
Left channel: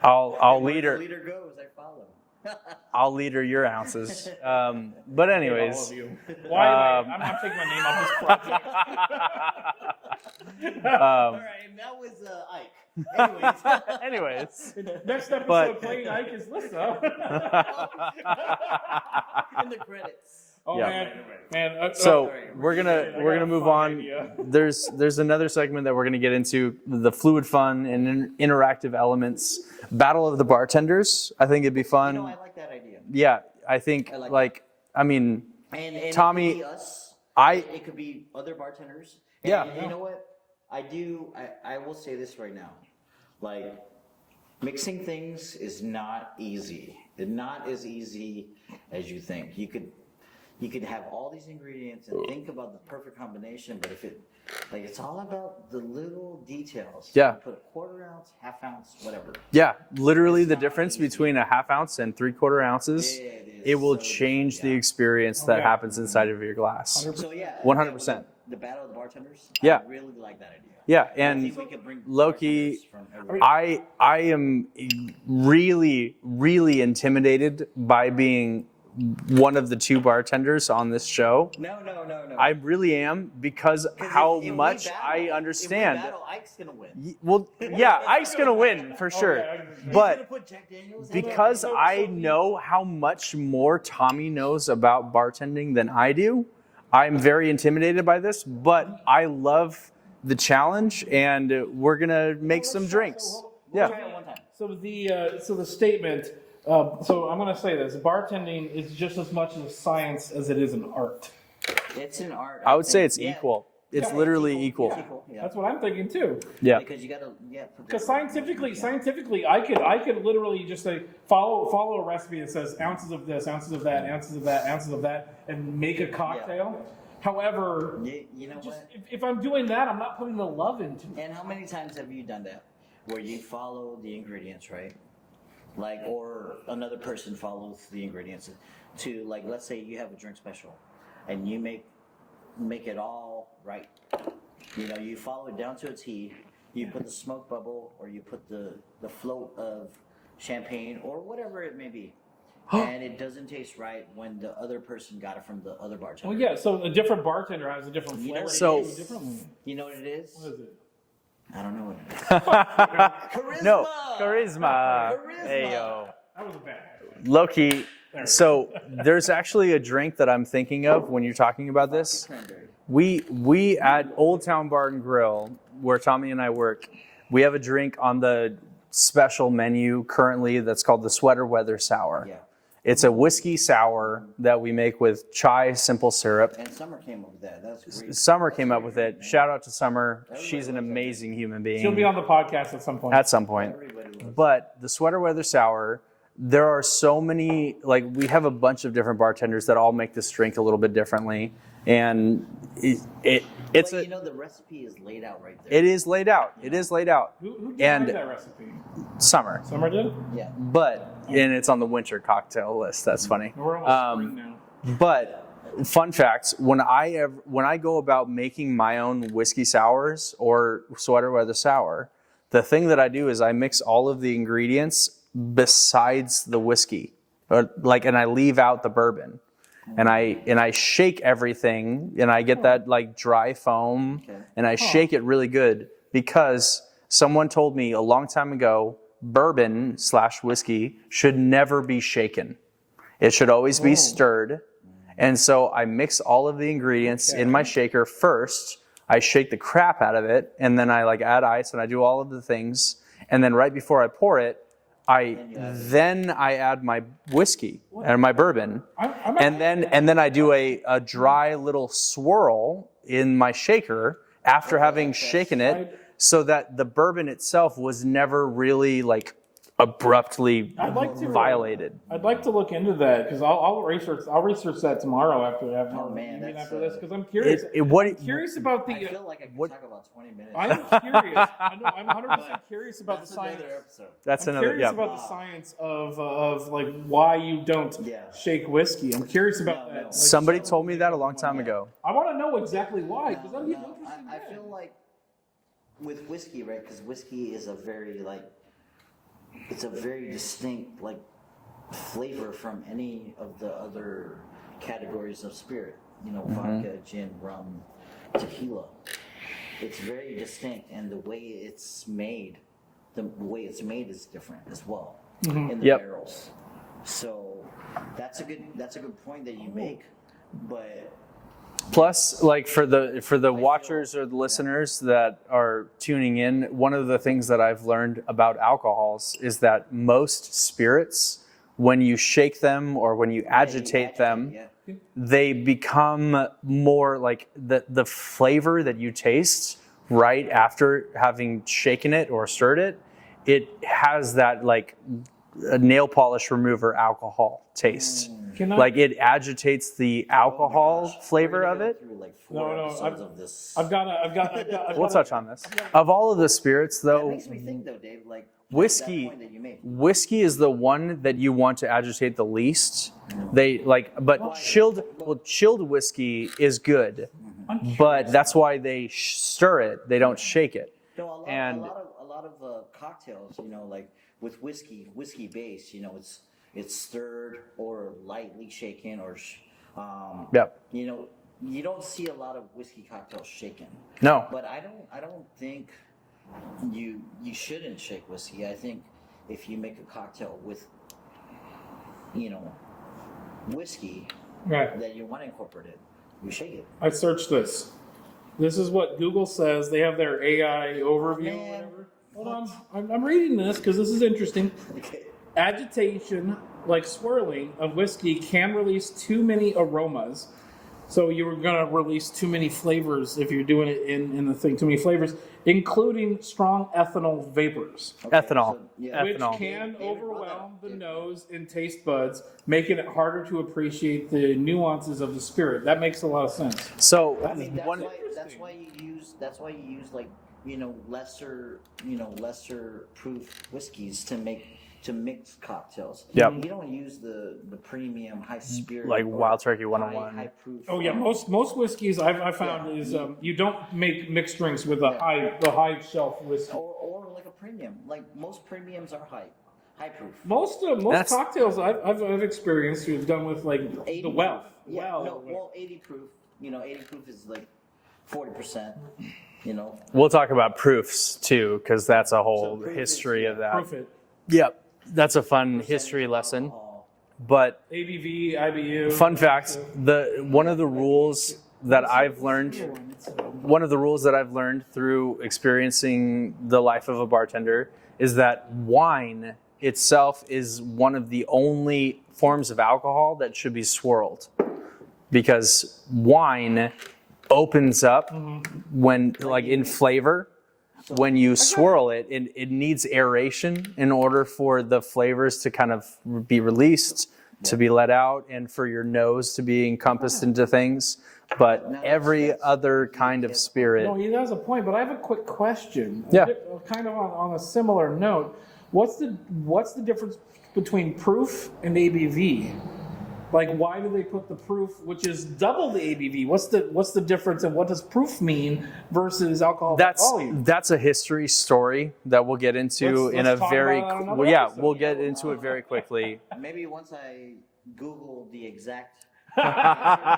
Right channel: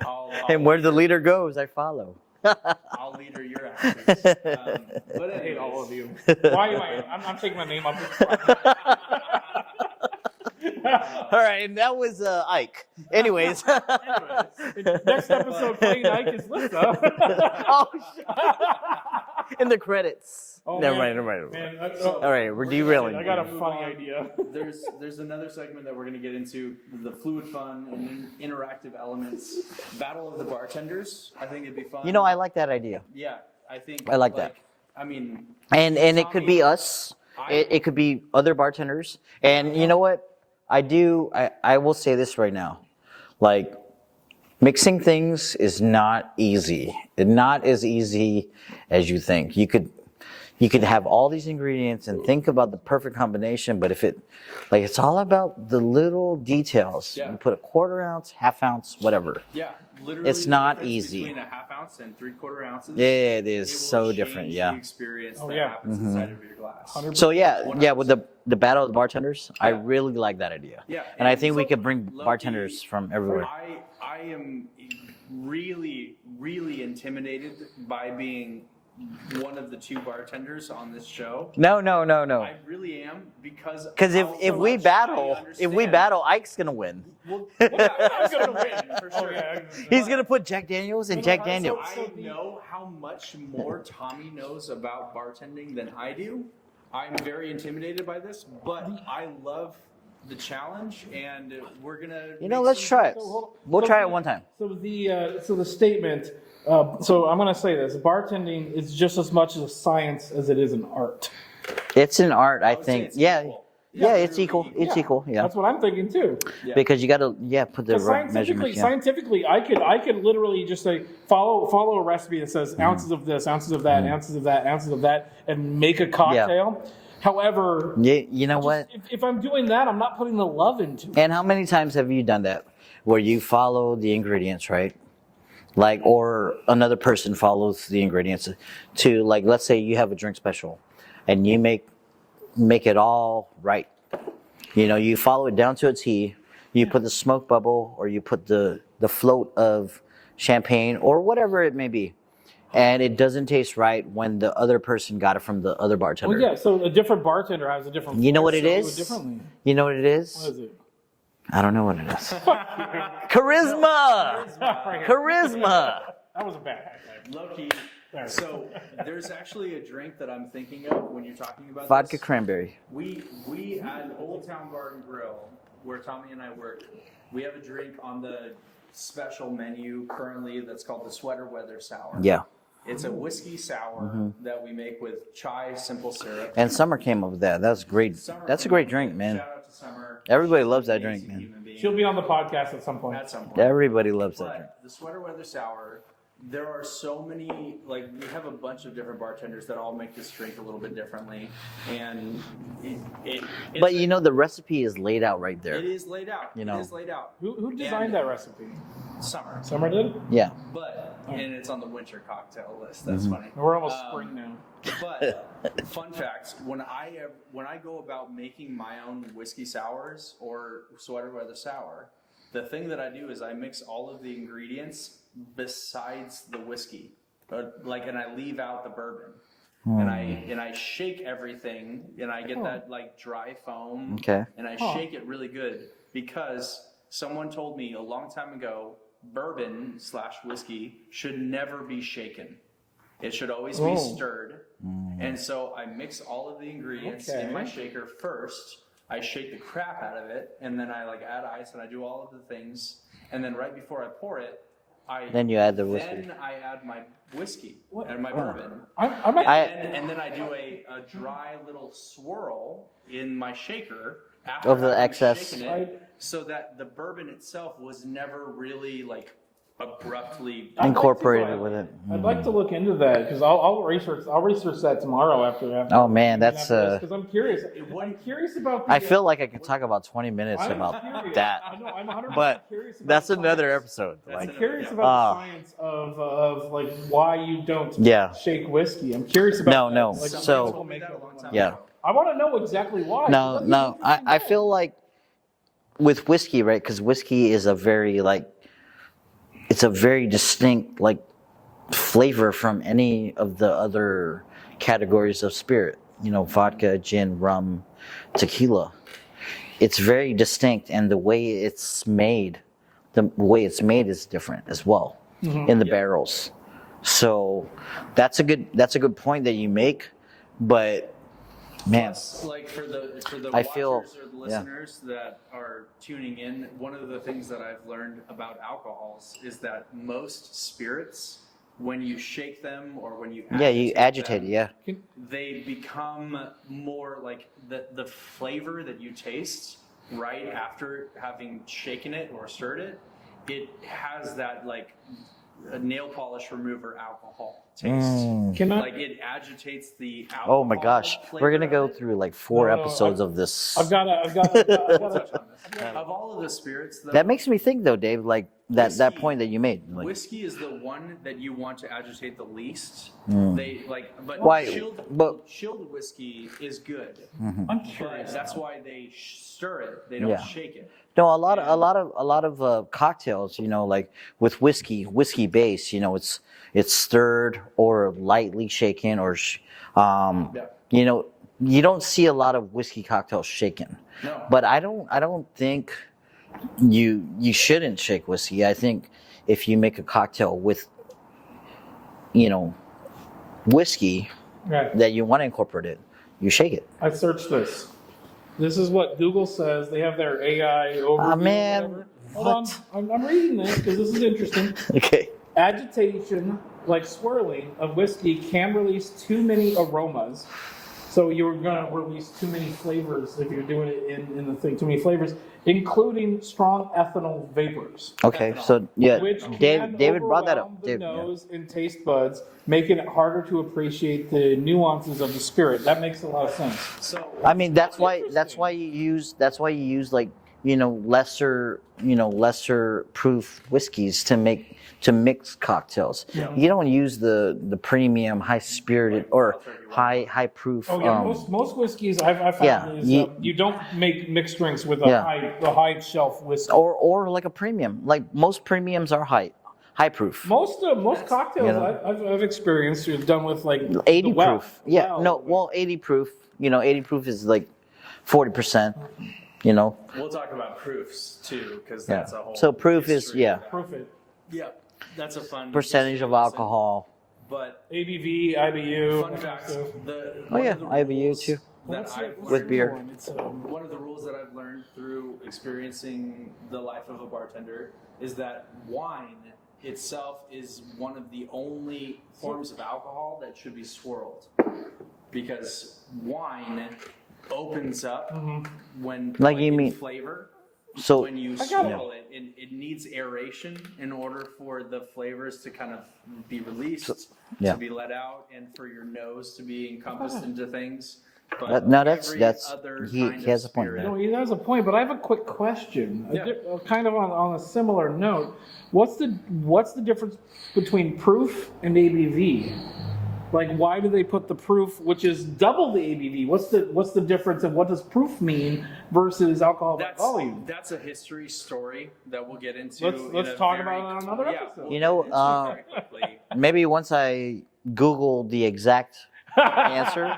I'll And where the leader, leader goes, I follow. I'll leader your ounces. But anyways. All of you. Why? I'm taking my name off All right, and that was Ike. Anyways. Anyways. this. Next episode, But- Clayton Ike is Lisa. In the credits. Oh, Never man. mind. Man, So All right, we're we're derailing. gonna, we're gonna move on. Idea. There's another segment that we're gonna get into, the fluid fun and interactive elements. Battle of the Bartenders. I think it'd be fun. I like that idea. Yeah, I think I like that. I mean, And it Tommy, could be us. It could be other bartenders. And Yeah. you know what? I will say this right now. Like, Mixing things is not easy. Not as easy as you think. You could have all these ingredients and think about the perfect combination, but if it's all about the little details. Yeah. You put a quarter ounce, half ounce, whatever. Yeah, literally It's the not difference easy. between a half ounce and 3/4 ounces. Yeah, it is. It will so different, change yeah. the experience that yeah. happens inside of your glass. So yeah, with 100%. the battle of the bartenders, Yeah. I really like that idea. Yeah, and I and think we could bring low-key, bartenders from everywhere. I am really, really intimidated by being one of the two bartenders on this show. No. I really am because Because if we understand. battle, Ike's gonna win. Well, yeah, Ike's gonna win for sure. yeah. He's But gonna put Jack Daniels and Jack because Daniels. I know how much more Tommy knows about bartending than I do, I'm very intimidated by this. But I love the challenge, and we're gonna make let's some try it. drinks. We'll Yeah. try it one time. So the statement. So I'm going to say this: bartending is just as much a science as it is an art. It's an art. I would think. say it's yeah. equal. It's yeah, literally it's equal. It's equal. Yeah. That's what I'm thinking too. Yeah. Because you gotta put the right Scientifically, measurements. I could literally just say follow a recipe that says ounces of this, ounces of that, ounces of that, ounces of that, and make a cocktail. However, Yeah, you know what? if I'm doing that, I'm not putting the love into it. And how many times have you done that, where you follow the ingredients, right? Like, or another person follows the ingredients to, like, let's say you have a drink special, and you make it all right. You know, you follow it down to a T. You put the smoke bubble, or you put the float of champagne, or whatever it may be, and it doesn't taste right when the other person got it from the other bartender. Well, yeah. So a different bartender has a different. You know what it flavor, is? differently. You know what it is? What is it? I don't know what it is. Charisma. Charisma. Charisma. That was a bad highlight. Low-key. So there's actually a drink that I'm thinking of when you're talking about Vodka this. cranberry. We at Old Town Bar and Grill, where Tommy and I work, we have a drink on the special menu currently that's called the Sweater Weather Sour. Yeah. It's a whiskey sour that we make with chai simple syrup. And Summer came up with that. That's great. Summer That's came a great up with drink, it. man. Shout out to Summer. Everybody She's loves that an drink, amazing man. human being. She'll be on the podcast at some point. at some point. Everybody loves that. But the Sweater Weather Sour, there are so many, like we have a bunch of different bartenders that all make this drink a little bit differently. And it's But you know, the recipe is laid out right there. it is laid out. You It know. is laid out. Who designed And that recipe? Summer. Summer did. Yeah. But, and it's on the winter cocktail list. That's funny. We're almost spring now. But fun fact: when I go about making my own whiskey sours or Sweater Weather Sour, the thing that I do is I mix all of the ingredients besides the whiskey, and I leave out the bourbon, and I shake everything, and I get that like dry foam, Okay. and I shake it really good because someone told me a long time ago bourbon/whiskey should never be shaken. It should always be stirred. And so I mix all of the ingredients in my shaker first. I shake the crap out of it, and then I like add ice, and I do all of the things. And then right before I pour it, Then you add the whiskey. I add my whiskey and my bourbon. I'm And then I do a dry little swirl in my shaker after Over the having excess. shaken it, so that the bourbon itself was never really like abruptly Incorporated violated. I'd like to look into that because I'll research that tomorrow after. Oh, man, that's, because I'm curious. What I'm curious about the. I feel like I could talk about 20 minutes I'm about curious. that. I know, I'm 100% But curious about that's the another science. episode. That's I'm another curious yeah. about the science of like why you don't Yeah. shake whiskey. I'm curious about No, that. no. Like, Somebody So- told me that a long time Yeah. ago. I want to know exactly why. No. I feel like with whiskey, right? Because whiskey is a very it's a very distinct flavor from any of the other categories of spirit. You know, vodka, gin, rum, tequila. It's very distinct, and the way it's made is different as well in the Yep. barrels. So that's a good point that you make, but. Man, Plus, like for the I feel- watchers or the listeners that are tuning in, one of the things that I've learned about alcohols is that most spirits, when you shake them or when you agitate, them, yeah. they become more like the flavor that you taste right after having shaken it or stirred it it has that like a nail polish remover alcohol taste. Can I? Like it agitates the alcohol. Oh my gosh, flavor we're gonna of go it. through like 4 No, no, episodes of this. I've got We'll touch on this. Of all of the spirits, though, That makes me think, though, Dave, like that Whiskey. point that you made. Like, whiskey is the one that you want to agitate the least. They like, but Why? chilled whiskey is good, but that's why they stir it. They don't Yeah. shake it. no, a lot And- of cocktails, like with whiskey base, it's stirred or lightly shaken, or Yep. you don't see a lot of whiskey cocktails shaken. No, But I don't think you shouldn't shake whiskey. I think if you make a cocktail with whiskey Yeah. that you want to incorporate it, you shake it. I searched this. This is what Google says. They have their AI overview. Ah, man. whatever. Hold on. I'm reading this because this is interesting. Okay. Agitation, like swirling of whiskey, can release too many aromas. So you're going to release too many flavors if you're doing it in the thing. Too many flavors, including strong ethanol vapors. Okay. Ethanol. So yeah, Which David can brought that up. overwhelm the David, yeah. nose and taste buds, making it harder to appreciate the nuances of the spirit. That makes a lot of sense. so I mean that's one- why you use like lesser proof whiskeys to mix cocktails. Yep. You don't use the premium high spirited Like or Wild Turkey 101. high proof. Oh yeah, most whiskeys I've found yeah, is you don't make mixed drinks with a Yeah. high shelf whiskey. or like a premium. Like most premiums are high proof. Most That's- cocktails yeah. I've experienced are done with like 80 the well. proof. Yeah. Well, No. Well, 80 proof. 80 proof is like 40%. We'll talk about proofs too, because that's a whole So proof is- history yeah. of that. proof it. Yep, that's a fun Percentage history of lesson. alcohol. But ABV, IBU. fun fact: one yeah, of the IBU rules too. that I've learned, beer. one of the rules that I've learned through experiencing the life of a bartender is that wine itself is one of the only forms of alcohol that should be swirled, because wine opens up when like you in mean- flavor. So When you swirl it, it needs aeration in order for the flavors to kind of be released, Yeah. to be let out, and for your nose to be encompassed into things. But No, that's- every that's- other he kind of has a point. spirit. No, he has a point, but I have a quick question. Yeah. Kind of on a similar note. What's the difference between proof and ABV? Like, why do they put the proof, which is double the ABV? What's the difference, and what does proof mean versus alcohol by volume? That's a history story that we'll get into in Let's a talk very about it on another yeah, episode. we'll You get know, into it very quickly. maybe once I Google the exact answer.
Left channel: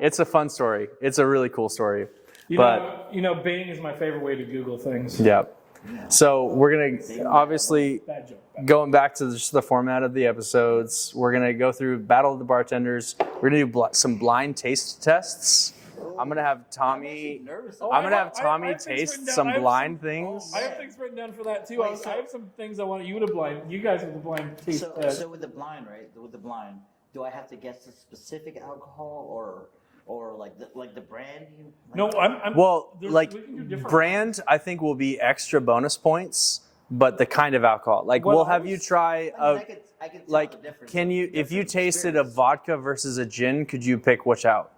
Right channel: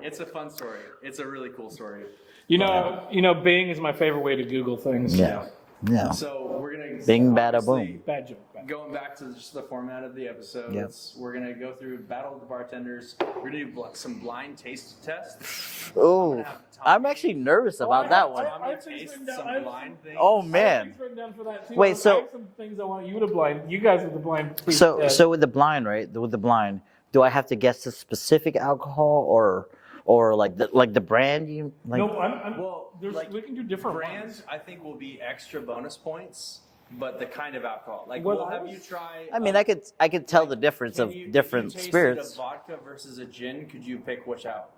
It's a fun story. It's a really cool story. You but- know, Bing is my favorite way to Google things. Yeah. Yeah. So we're gonna Bing, bada, obviously Bad joke. going back to just the format of the episodes. We're gonna go through Battle of the Bartenders. We're gonna do some blind taste tests. I'm gonna have Tommy. I'm actually nervous I'm about gonna that have one. Tommy I have things taste written down. some I have blind some- things. Oh, I have man. things written down for that too. Wait, I so- have some things I want you to blind. You guys with the blind. taste So test. so with the blind, right? With the blind, do I have to guess the specific alcohol or like the brand? You like? no, I'm Well, like we can do different brand, I think will be extra bonus points, but the kind of alcohol, like What we'll have else? you try. I mean, I could tell the difference. Can of you, if you different tasted spirits. a vodka versus a gin, could you pick which out?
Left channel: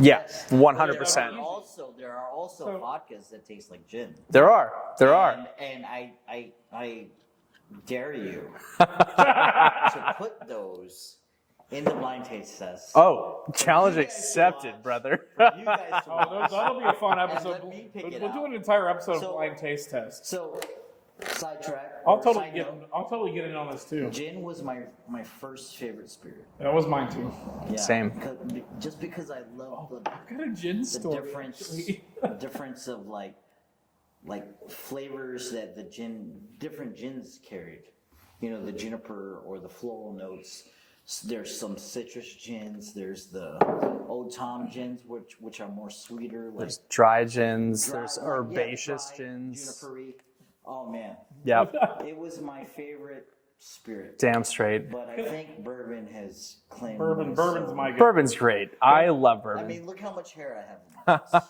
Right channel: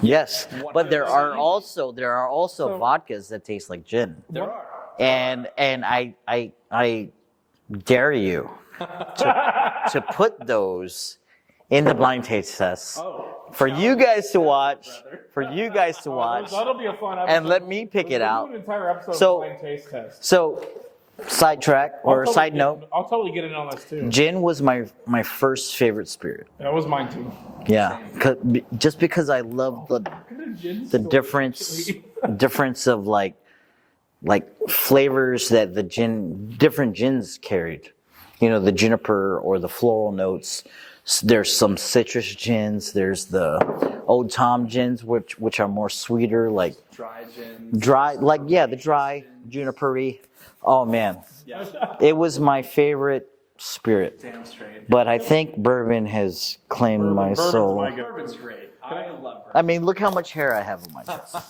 Yes, 100%. but there are also So- vodkas that taste like gin. There are. And I dare you to put those in the blind taste test. Oh, for you challenge guys to accepted, watch, brother. for you guys to watch. That'll be a fun episode. And let me pick it We'll out. do an entire episode So- of blind taste test. So, sidetrack I'll or totally side get- note, I'll totally get in on this too. gin was my first favorite spirit. That was mine too. Yeah, Same. Just because I love the Got a gin the story, difference actually. difference of like flavors that the different gins carried. The juniper or the floral notes. There's some citrus gins. There's the Old Tom gins, which are more sweeter, like Dry gins. dry, those like the herbaceous dry gins. junipery. Oh man, Yeah, it was my favorite spirit. damn straight. But I think bourbon has claimed my Bourbon's soul. my go. Bourbon's great. I love bourbon. I mean, look how much hair I have on my face.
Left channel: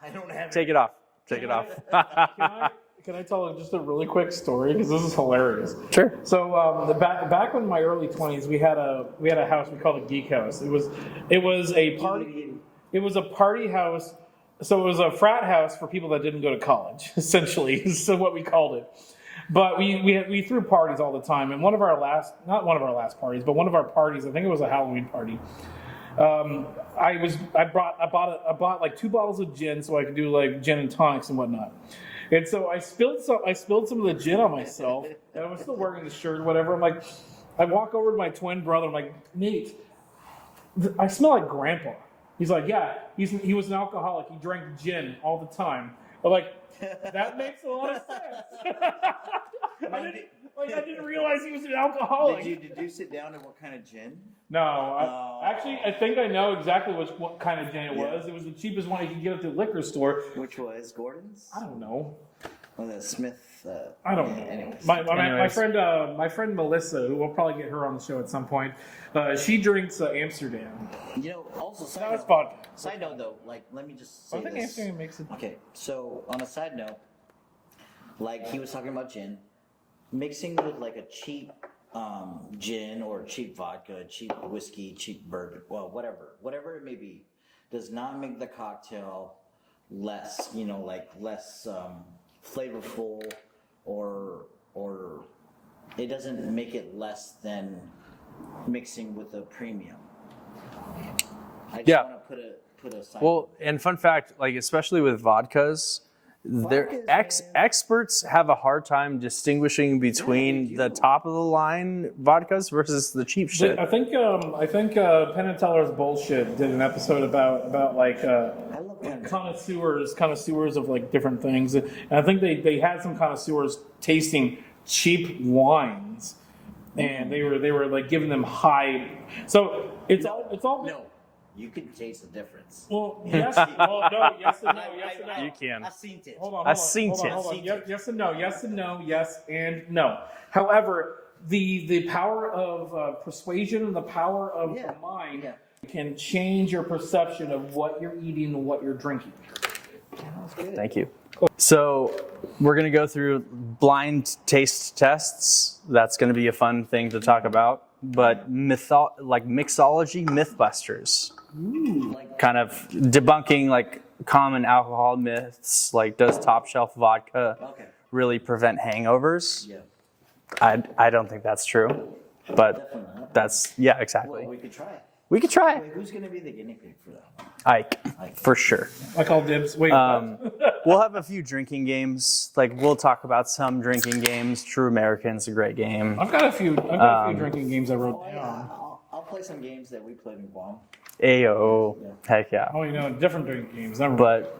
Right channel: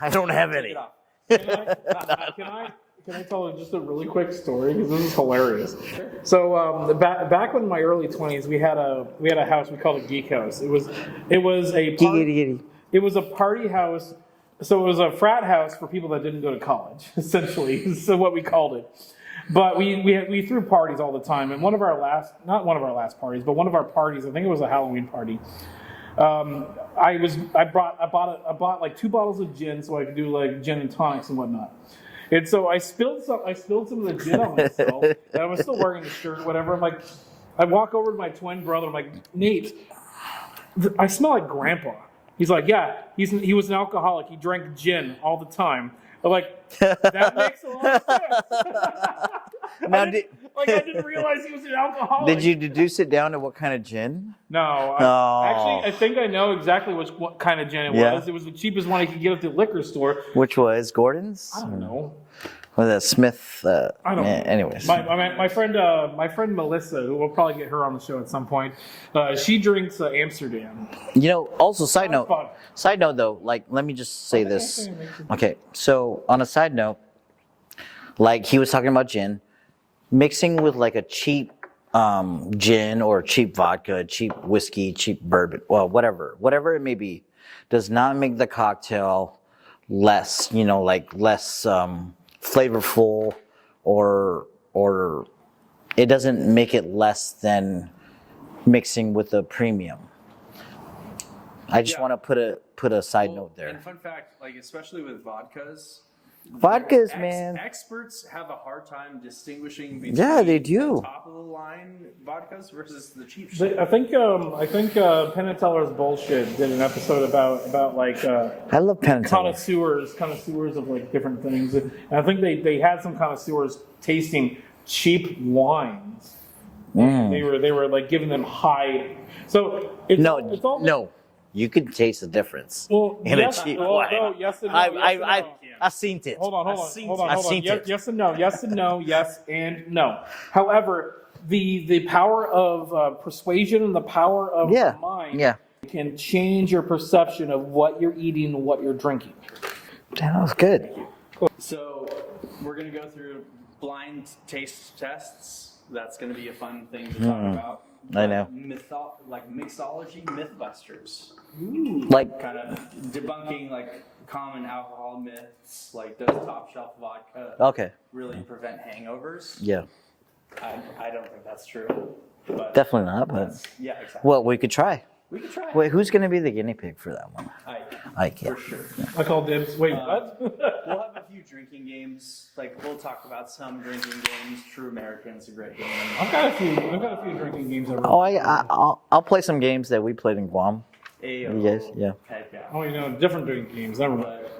I don't have take any. it off. Take it off. Can I tell just a really quick story because this is hilarious? Sure. So back in my early 20s, we had a house we called a geek house. It was a party. It was a party house. So it was a frat house for people that didn't go to college, essentially. So what we called it. But we threw parties all the time, and one of our parties, I think it was a Halloween party. I bought like 2 bottles of gin so I could do like gin and tonics and whatnot. And so I spilled some of the gin on myself, and I was still wearing the shirt or whatever. I'm like, I walk over to my twin brother. I'm like, Nate, I smell like Grandpa. He's like, yeah, he was an alcoholic. He drank gin all the time. I'm like, that makes a lot of sense. Now, I didn't realize he was an alcoholic. Did you deduce it down to what kind of gin? No. Oh. Actually, I think I know exactly what kind of gin it was. It was the cheapest one I could get at the liquor store. Which was Gordon's? I don't know. Was that Smith? I don't know. Anyways. My friend Melissa, who we'll probably get her on the show at some point, she drinks Amsterdam. Also side note though, like, let me just say this. Okay, so on a side note, like he was talking about gin, mixing with like a cheap gin or cheap vodka, cheap whiskey, cheap bourbon, well, whatever it may be, does not make the cocktail less, less flavorful, or it doesn't make it less than mixing with a premium. I just want to put a side note there. And fun fact, like especially with vodkas, experts have a hard time distinguishing between the top of the line vodkas versus the cheap shit. I think Penn and Teller's Bullshit did an episode about like I love Penn and Teller. connoisseurs of like different things, and I think they had some connoisseurs tasting cheap wines, and they were like giving them high. So it's all no. You can taste the difference. Well, in a cheap wine. No, yes and no. I've seen it. Hold on. I've seen it. Yes and no. Yes and no. Yes and no. However, the power of persuasion and the power of the mind can change your perception of what you're eating and what you're drinking. That was good. Thank you. Cool. So we're going to go through blind taste tests. That's going to be a fun thing to talk about. But mixology, Mythbusters. Like kind of debunking like common alcohol myths, like does top shelf vodka really prevent hangovers? Yeah. I don't think that's true. But definitely not. Exactly. Well, we could try. Wait, who's going to be the guinea pig for that one? Ike, for sure. I call dibs. Wait, what? We'll have a few drinking games. Like we'll talk about some drinking games. True American's a great game. I've got a few drinking games. I'll play some games that we played in Guam. AO. Yeah. Heck yeah. Different drinking games.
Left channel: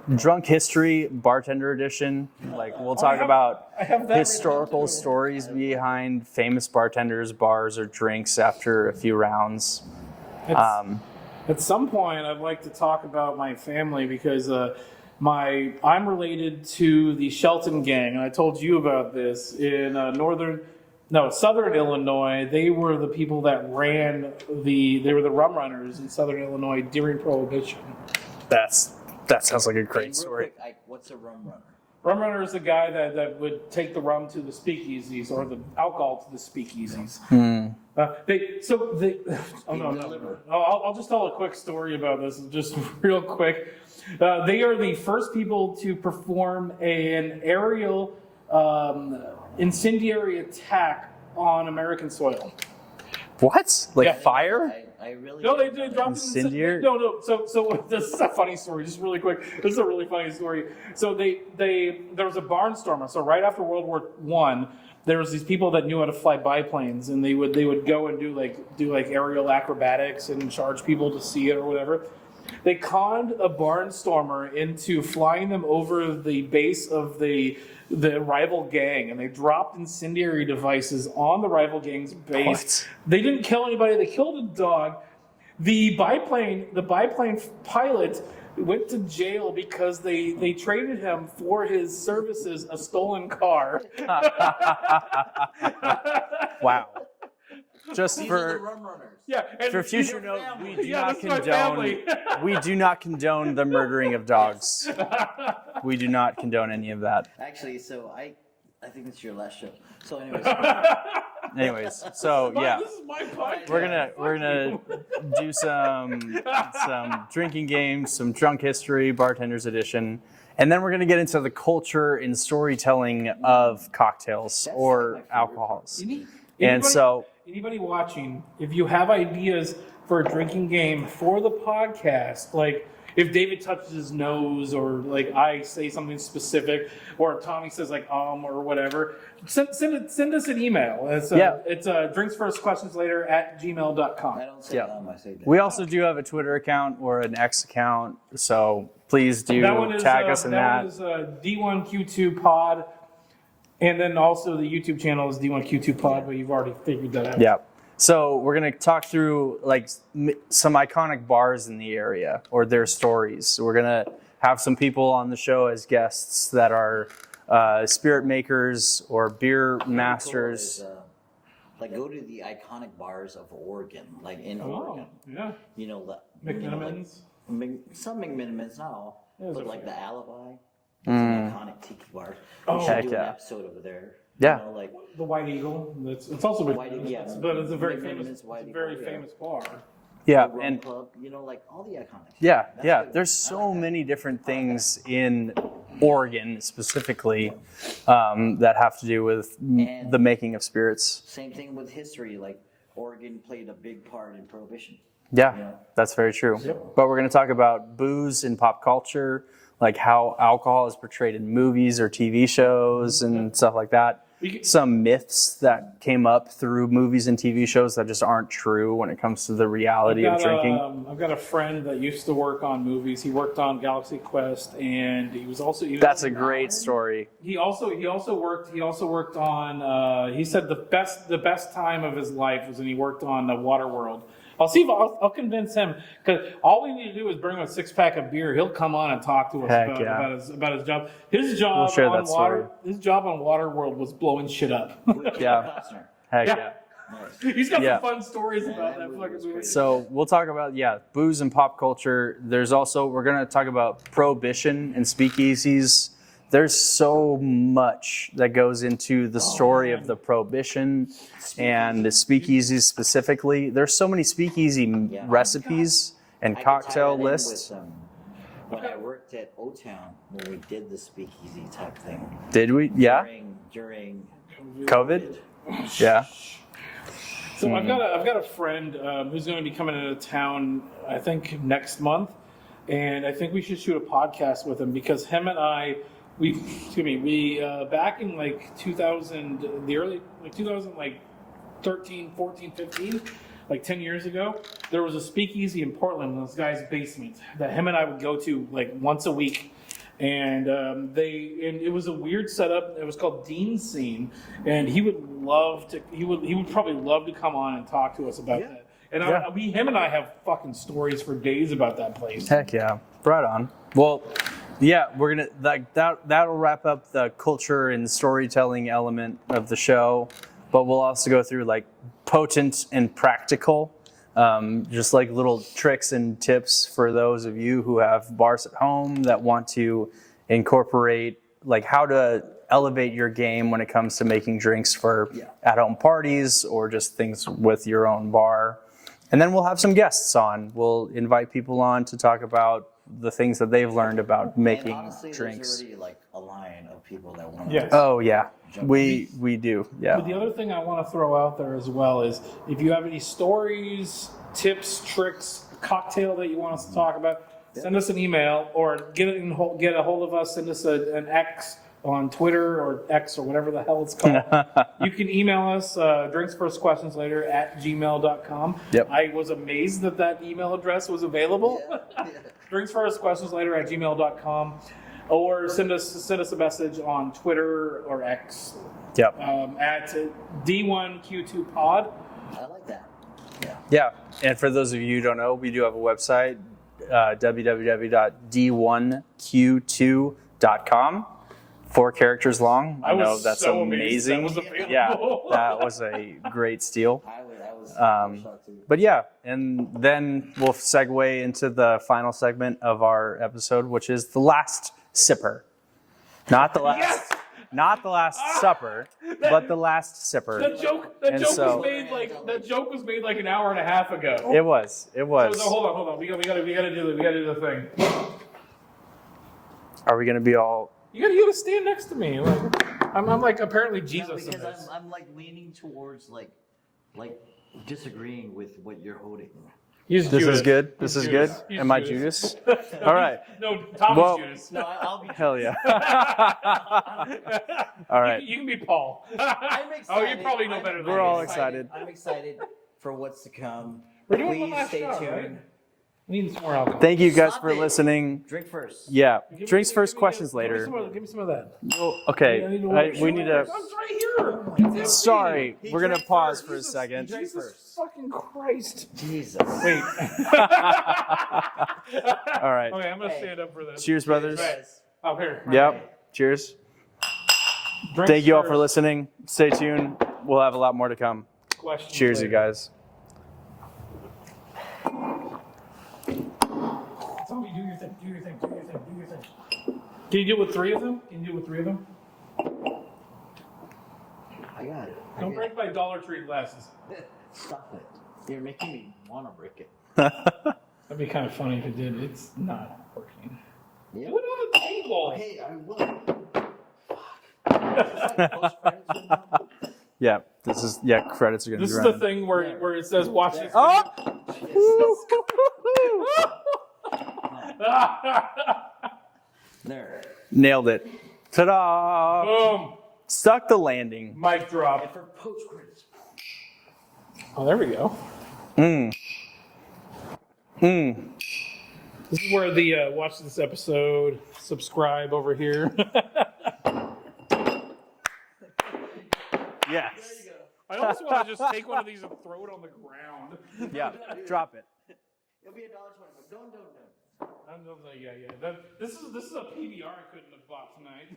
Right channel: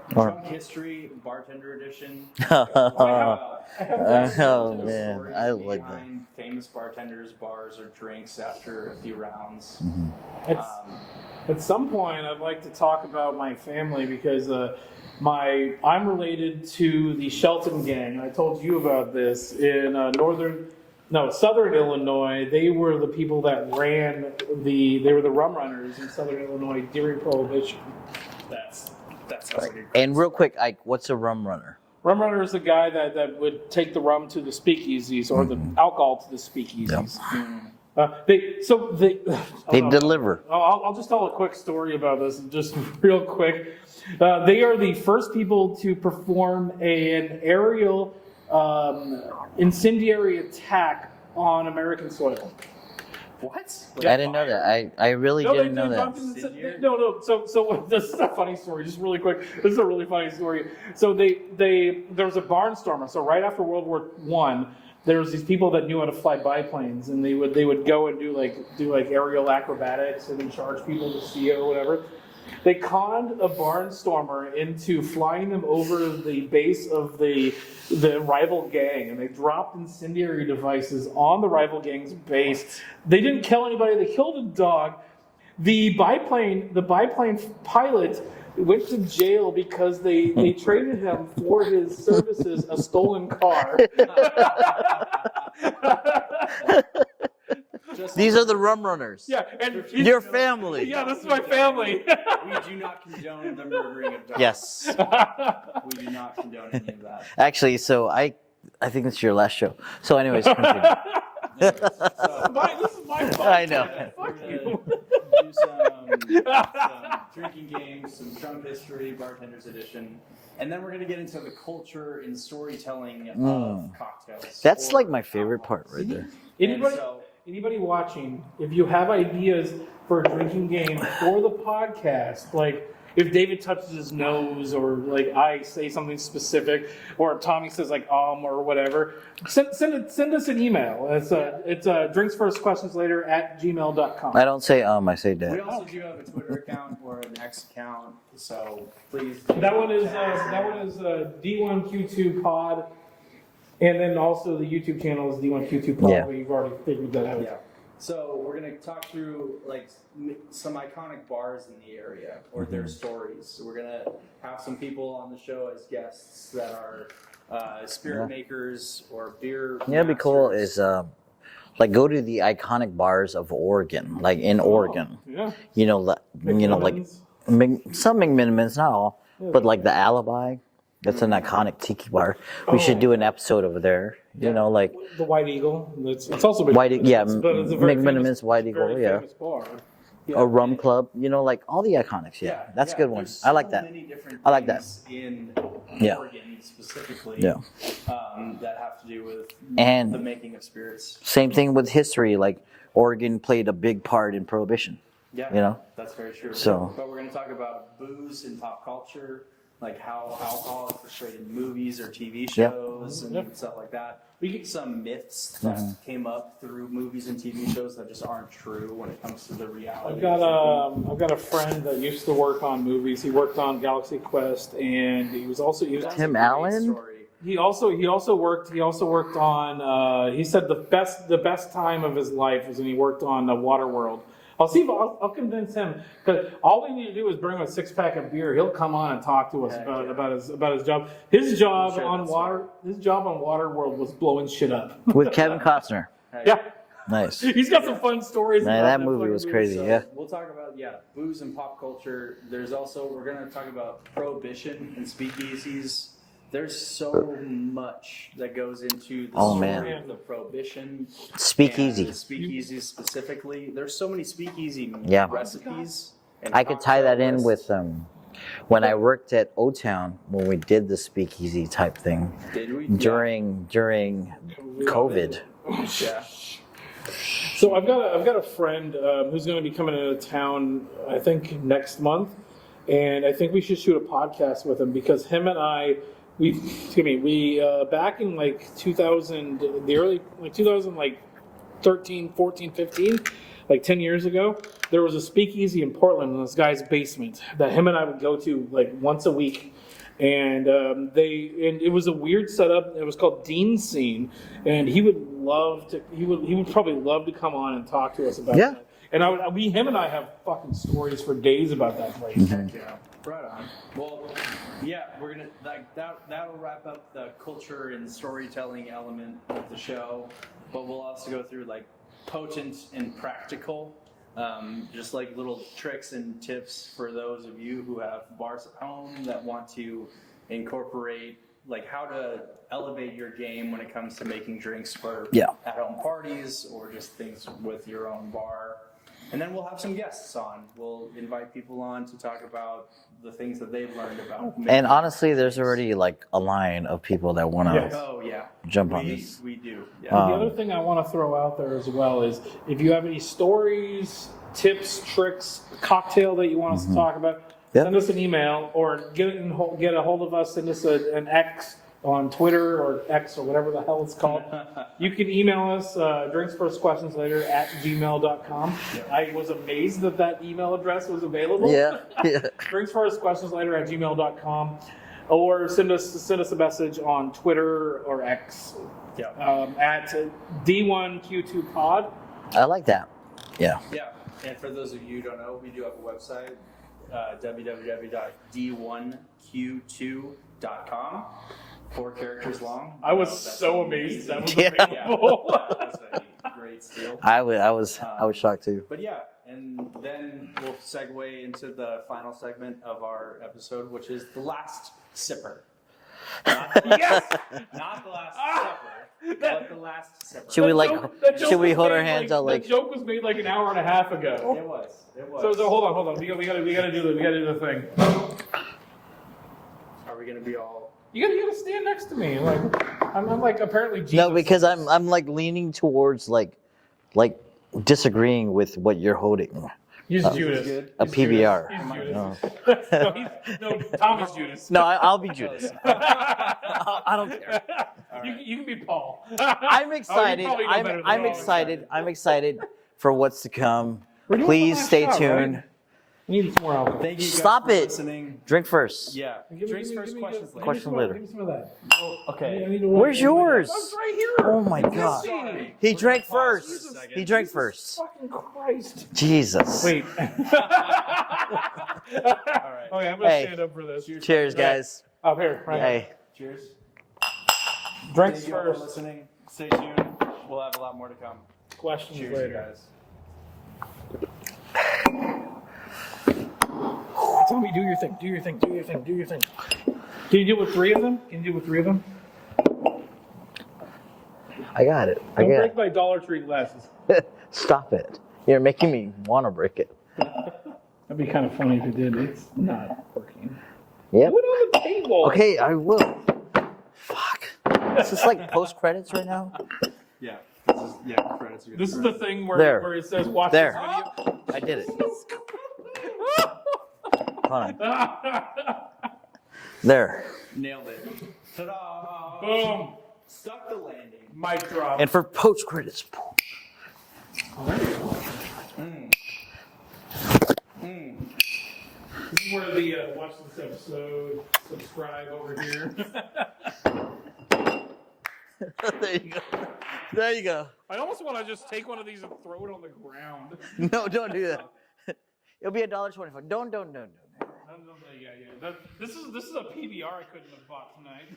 Drunk History, Bartender Edition. We'll talk about historical stories behind famous bartenders, bars, or drinks after a few rounds. Mm-hmm. At some point, I'd like to talk about my family because I'm related to the Shelton gang, and I told you about this in Southern Illinois. They were the people that they were the rum runners in Southern Illinois during Prohibition. That sounds like a great And real quick, Ike, what's a rum runner? Rum runner is the guy that would take the rum to the speakeasies or the alcohol to the speakeasies. They deliver. I'll just tell a quick story about this, just real quick. They are the first people to perform an aerial incendiary attack on American soil. What? Like I didn't know that. I really didn't know that. Incendiary? No. So this is a funny story. Just really quick. This is a really funny story. So there was a barnstormer. So right after World War I, there was these people that knew how to fly biplanes, and they would go and do like aerial acrobatics and charge people to see it or whatever. They conned a barnstormer into flying them over the base of the rival gang, and they dropped incendiary devices on the rival gang's base. What? They didn't kill anybody. They killed a dog. The biplane pilot went to jail because they traded him for his services a stolen car. Wow. just These for- are the rum runners. Yeah, and For future Your note, family. we do Yeah, not this is my family. We do not condone the murdering of dogs. Yes. We do not condone any of that. Actually, so I think it's your last show. So, anyways, continue. Anyways, so yeah, This is my I podcast. know. we're gonna do some drinking games, some drunk history, bartenders edition, and then we're gonna get into the culture and storytelling of cocktails. That's or like my favorite part alcohols. right there. And so, Anybody watching, if you have ideas for a drinking game for the podcast, like if David touches his nose, or like I say something specific, or Tommy says like or whatever, send us an email. It's drinksfirstquestionslater@gmail.com. I don't say I say that. we also do have a Twitter account or an X account, so please do That one is tag us in that that. one is D1Q2 pod, and then also the YouTube channel is D1Q2 pod, Yeah. but you've already figured that out. Yeah. So we're gonna talk through like some iconic bars in the area or their stories. So we're gonna have some people on the show as guests that are spirit makers or beer You know, what'd be cool masters. is like go to the iconic bars of Oregon, like in Oregon. Yeah. You know, like McMillan's. some McMinimans, not all, but like the Alibi. It's an iconic tiki bar. We should do an episode over there. Yeah. You know, like The White Eagle. It's also been White, yeah, but it's a very McMiniman's famous, White Eagle, very yeah. famous bar. Yeah, a rum and- club. You know, like all the iconics. Yeah, that's yeah. a good one. There's so I like that. many different I like that. things in Yeah. Oregon specifically Yeah. that have to do with And- the making of spirits. Same thing with history. Like Oregon played a big part in Prohibition. Yeah, You know? that's very true. So- But we're going to talk about booze in pop culture, like how alcohol is portrayed in movies or TV shows and stuff like that. Some myths that came up through movies and TV shows that just aren't true when it comes to the reality of drinking. I've got a friend that used to work on movies. He worked on Galaxy Quest, and That's a Tim great Allen? story. he also worked on. He said the best time of his life was when he worked on Waterworld. I'll see if I'll convince him, because all we need to do is bring him a 6-pack of beer. He'll come on and talk to us Heck about, yeah. about his job. His job share on that story. His job on Waterworld was blowing shit up. With Kevin Yeah. Costner. Heck Yeah. yeah. Nice. He's got Yeah. some fun stories. Man, about that movie fucking was crazy. So Yeah. we'll talk about booze and pop culture. There's also we're gonna talk about prohibition and speakeasies. There's so much that goes into the Oh, story man. of the prohibition Speakeasy. and the speakeasies specifically. There's so many speakeasy Yeah. recipes and I could tie cocktail that in lists. with when I worked at O-Town when we did the speakeasy type thing Did we? during COVID. Yeah. So I've got a friend who's going to be coming into town, I think next month, and I think we should shoot a podcast with him, because him and I, we back in like 2000, the early like 2000 like 13, 14, 15, like 10 years ago, there was a speakeasy in Portland in this guy's basement that him and I would go to like once a week. And it was a weird setup. It was called Dean Scene, and he would probably love to come on and talk to us about Yeah. that. And him and I have fucking stories for days about that place. Heck yeah. Right on. Well, yeah, we're gonna that'll wrap up the culture and storytelling element of the show, but we'll also go through like potent and practical, just like little tricks and tips for those of you who have bars at home that want to incorporate like how to elevate your game when it comes to making drinks for at-home parties or just things with your own bar. And then we'll have some guests on. We'll invite people on to talk about the things that they've learned about making And honestly, there's drinks. already like a line of people that want to. Yes. Oh yeah, Jump on we these. we do. Yeah. The other thing I want to throw out there as well is if you have any stories, tips, tricks, cocktail that you want us to talk about, send us an email or get a hold of us. Send us an X on Twitter or X or whatever the hell it's called. You can email us drinksfirstquestionslater@gmail.com. Yep. I was amazed that email address was available. Yeah. drinksfirstquestionslater@gmail.com. Or send us a message on Twitter or X Yep. at D1Q2 pod. I like that. Yeah. Yeah. And for those of you who don't know, we do have a website, www.d1q2.com. 4 characters long. I was know that's so amazed that was Yeah, available. that was a great steal. I was shocked too. But yeah, and then we'll segue into the final segment of our episode, which is the last sipper. Not the last, Yes! not the last supper, but the last sipper. Should we That like? joke- that joke Should we was hold our made, hands out That like? joke was made like an hour and a half ago. It was. So hold on. We gotta do the thing. Are we gonna be all? You gotta stand next to me. Like, I'm like apparently Jesus. No, because in this. I'm like leaning towards like disagreeing with what you're holding. He's This Judas. is good. A This is PBR. good. Am I Judas. Judas? No, All right. No, Tom Well, is Judas. No, I'll be Hell Judas. yeah. I don't care. All right. You can be Paul. I'm excited. Oh, you probably know better than I'm we're all excited. excited. I'm excited for what's to come. We're doing Please the last stay shot, tuned. right? We need some more alcohol. Thank you guys Stop for it. listening. Drink first. Yeah. Give Drinks me- first, give me- questions give me later. some of that. Give me some of that. Okay. I need to- Where's we need to- yours? It's right here. Oh my God. Sorry. He We're drank gonna pause first. for a second. He drank Jesus first. Fucking Christ. Jesus. Wait. All right. Okay, I'm gonna Hey. stand up for this. Cheers, Cheers, brothers. guys. Up here. Right. Yep. Hey. Cheers. Drinks Thank you all for first, listening. Stay tuned. We'll have a lot more to come. questions Cheers, later. you guys. Tell me, do your thing. Do your thing. Do your thing. Do your thing. Can you do it with 3 of them? Can you do it with 3 of them? I got it. I Don't got break my Dollar Tree glasses. it. Stop it. You're making me want to break it. That'd be kind of funny if it did. It's not working. Yep. Put it on the table. Okay, I will. Fuck. Is this like post credits right now? Yeah. This is credits are gonna This be is the running. thing There. where it says watch There. this video. I did it. Hold on. There. Nailed it. Ta-da! Boom. Stuck the landing. Mic drop. And for post credits. Oh, there we go. This is where the watch this episode, subscribe over here. There you go. Yeah. There you go. I almost want to just take one of these and throw it on the ground. No, don't do that. Drop it. It'll be $1.25. Don't. Yeah. This is a PBR I couldn't have bought tonight.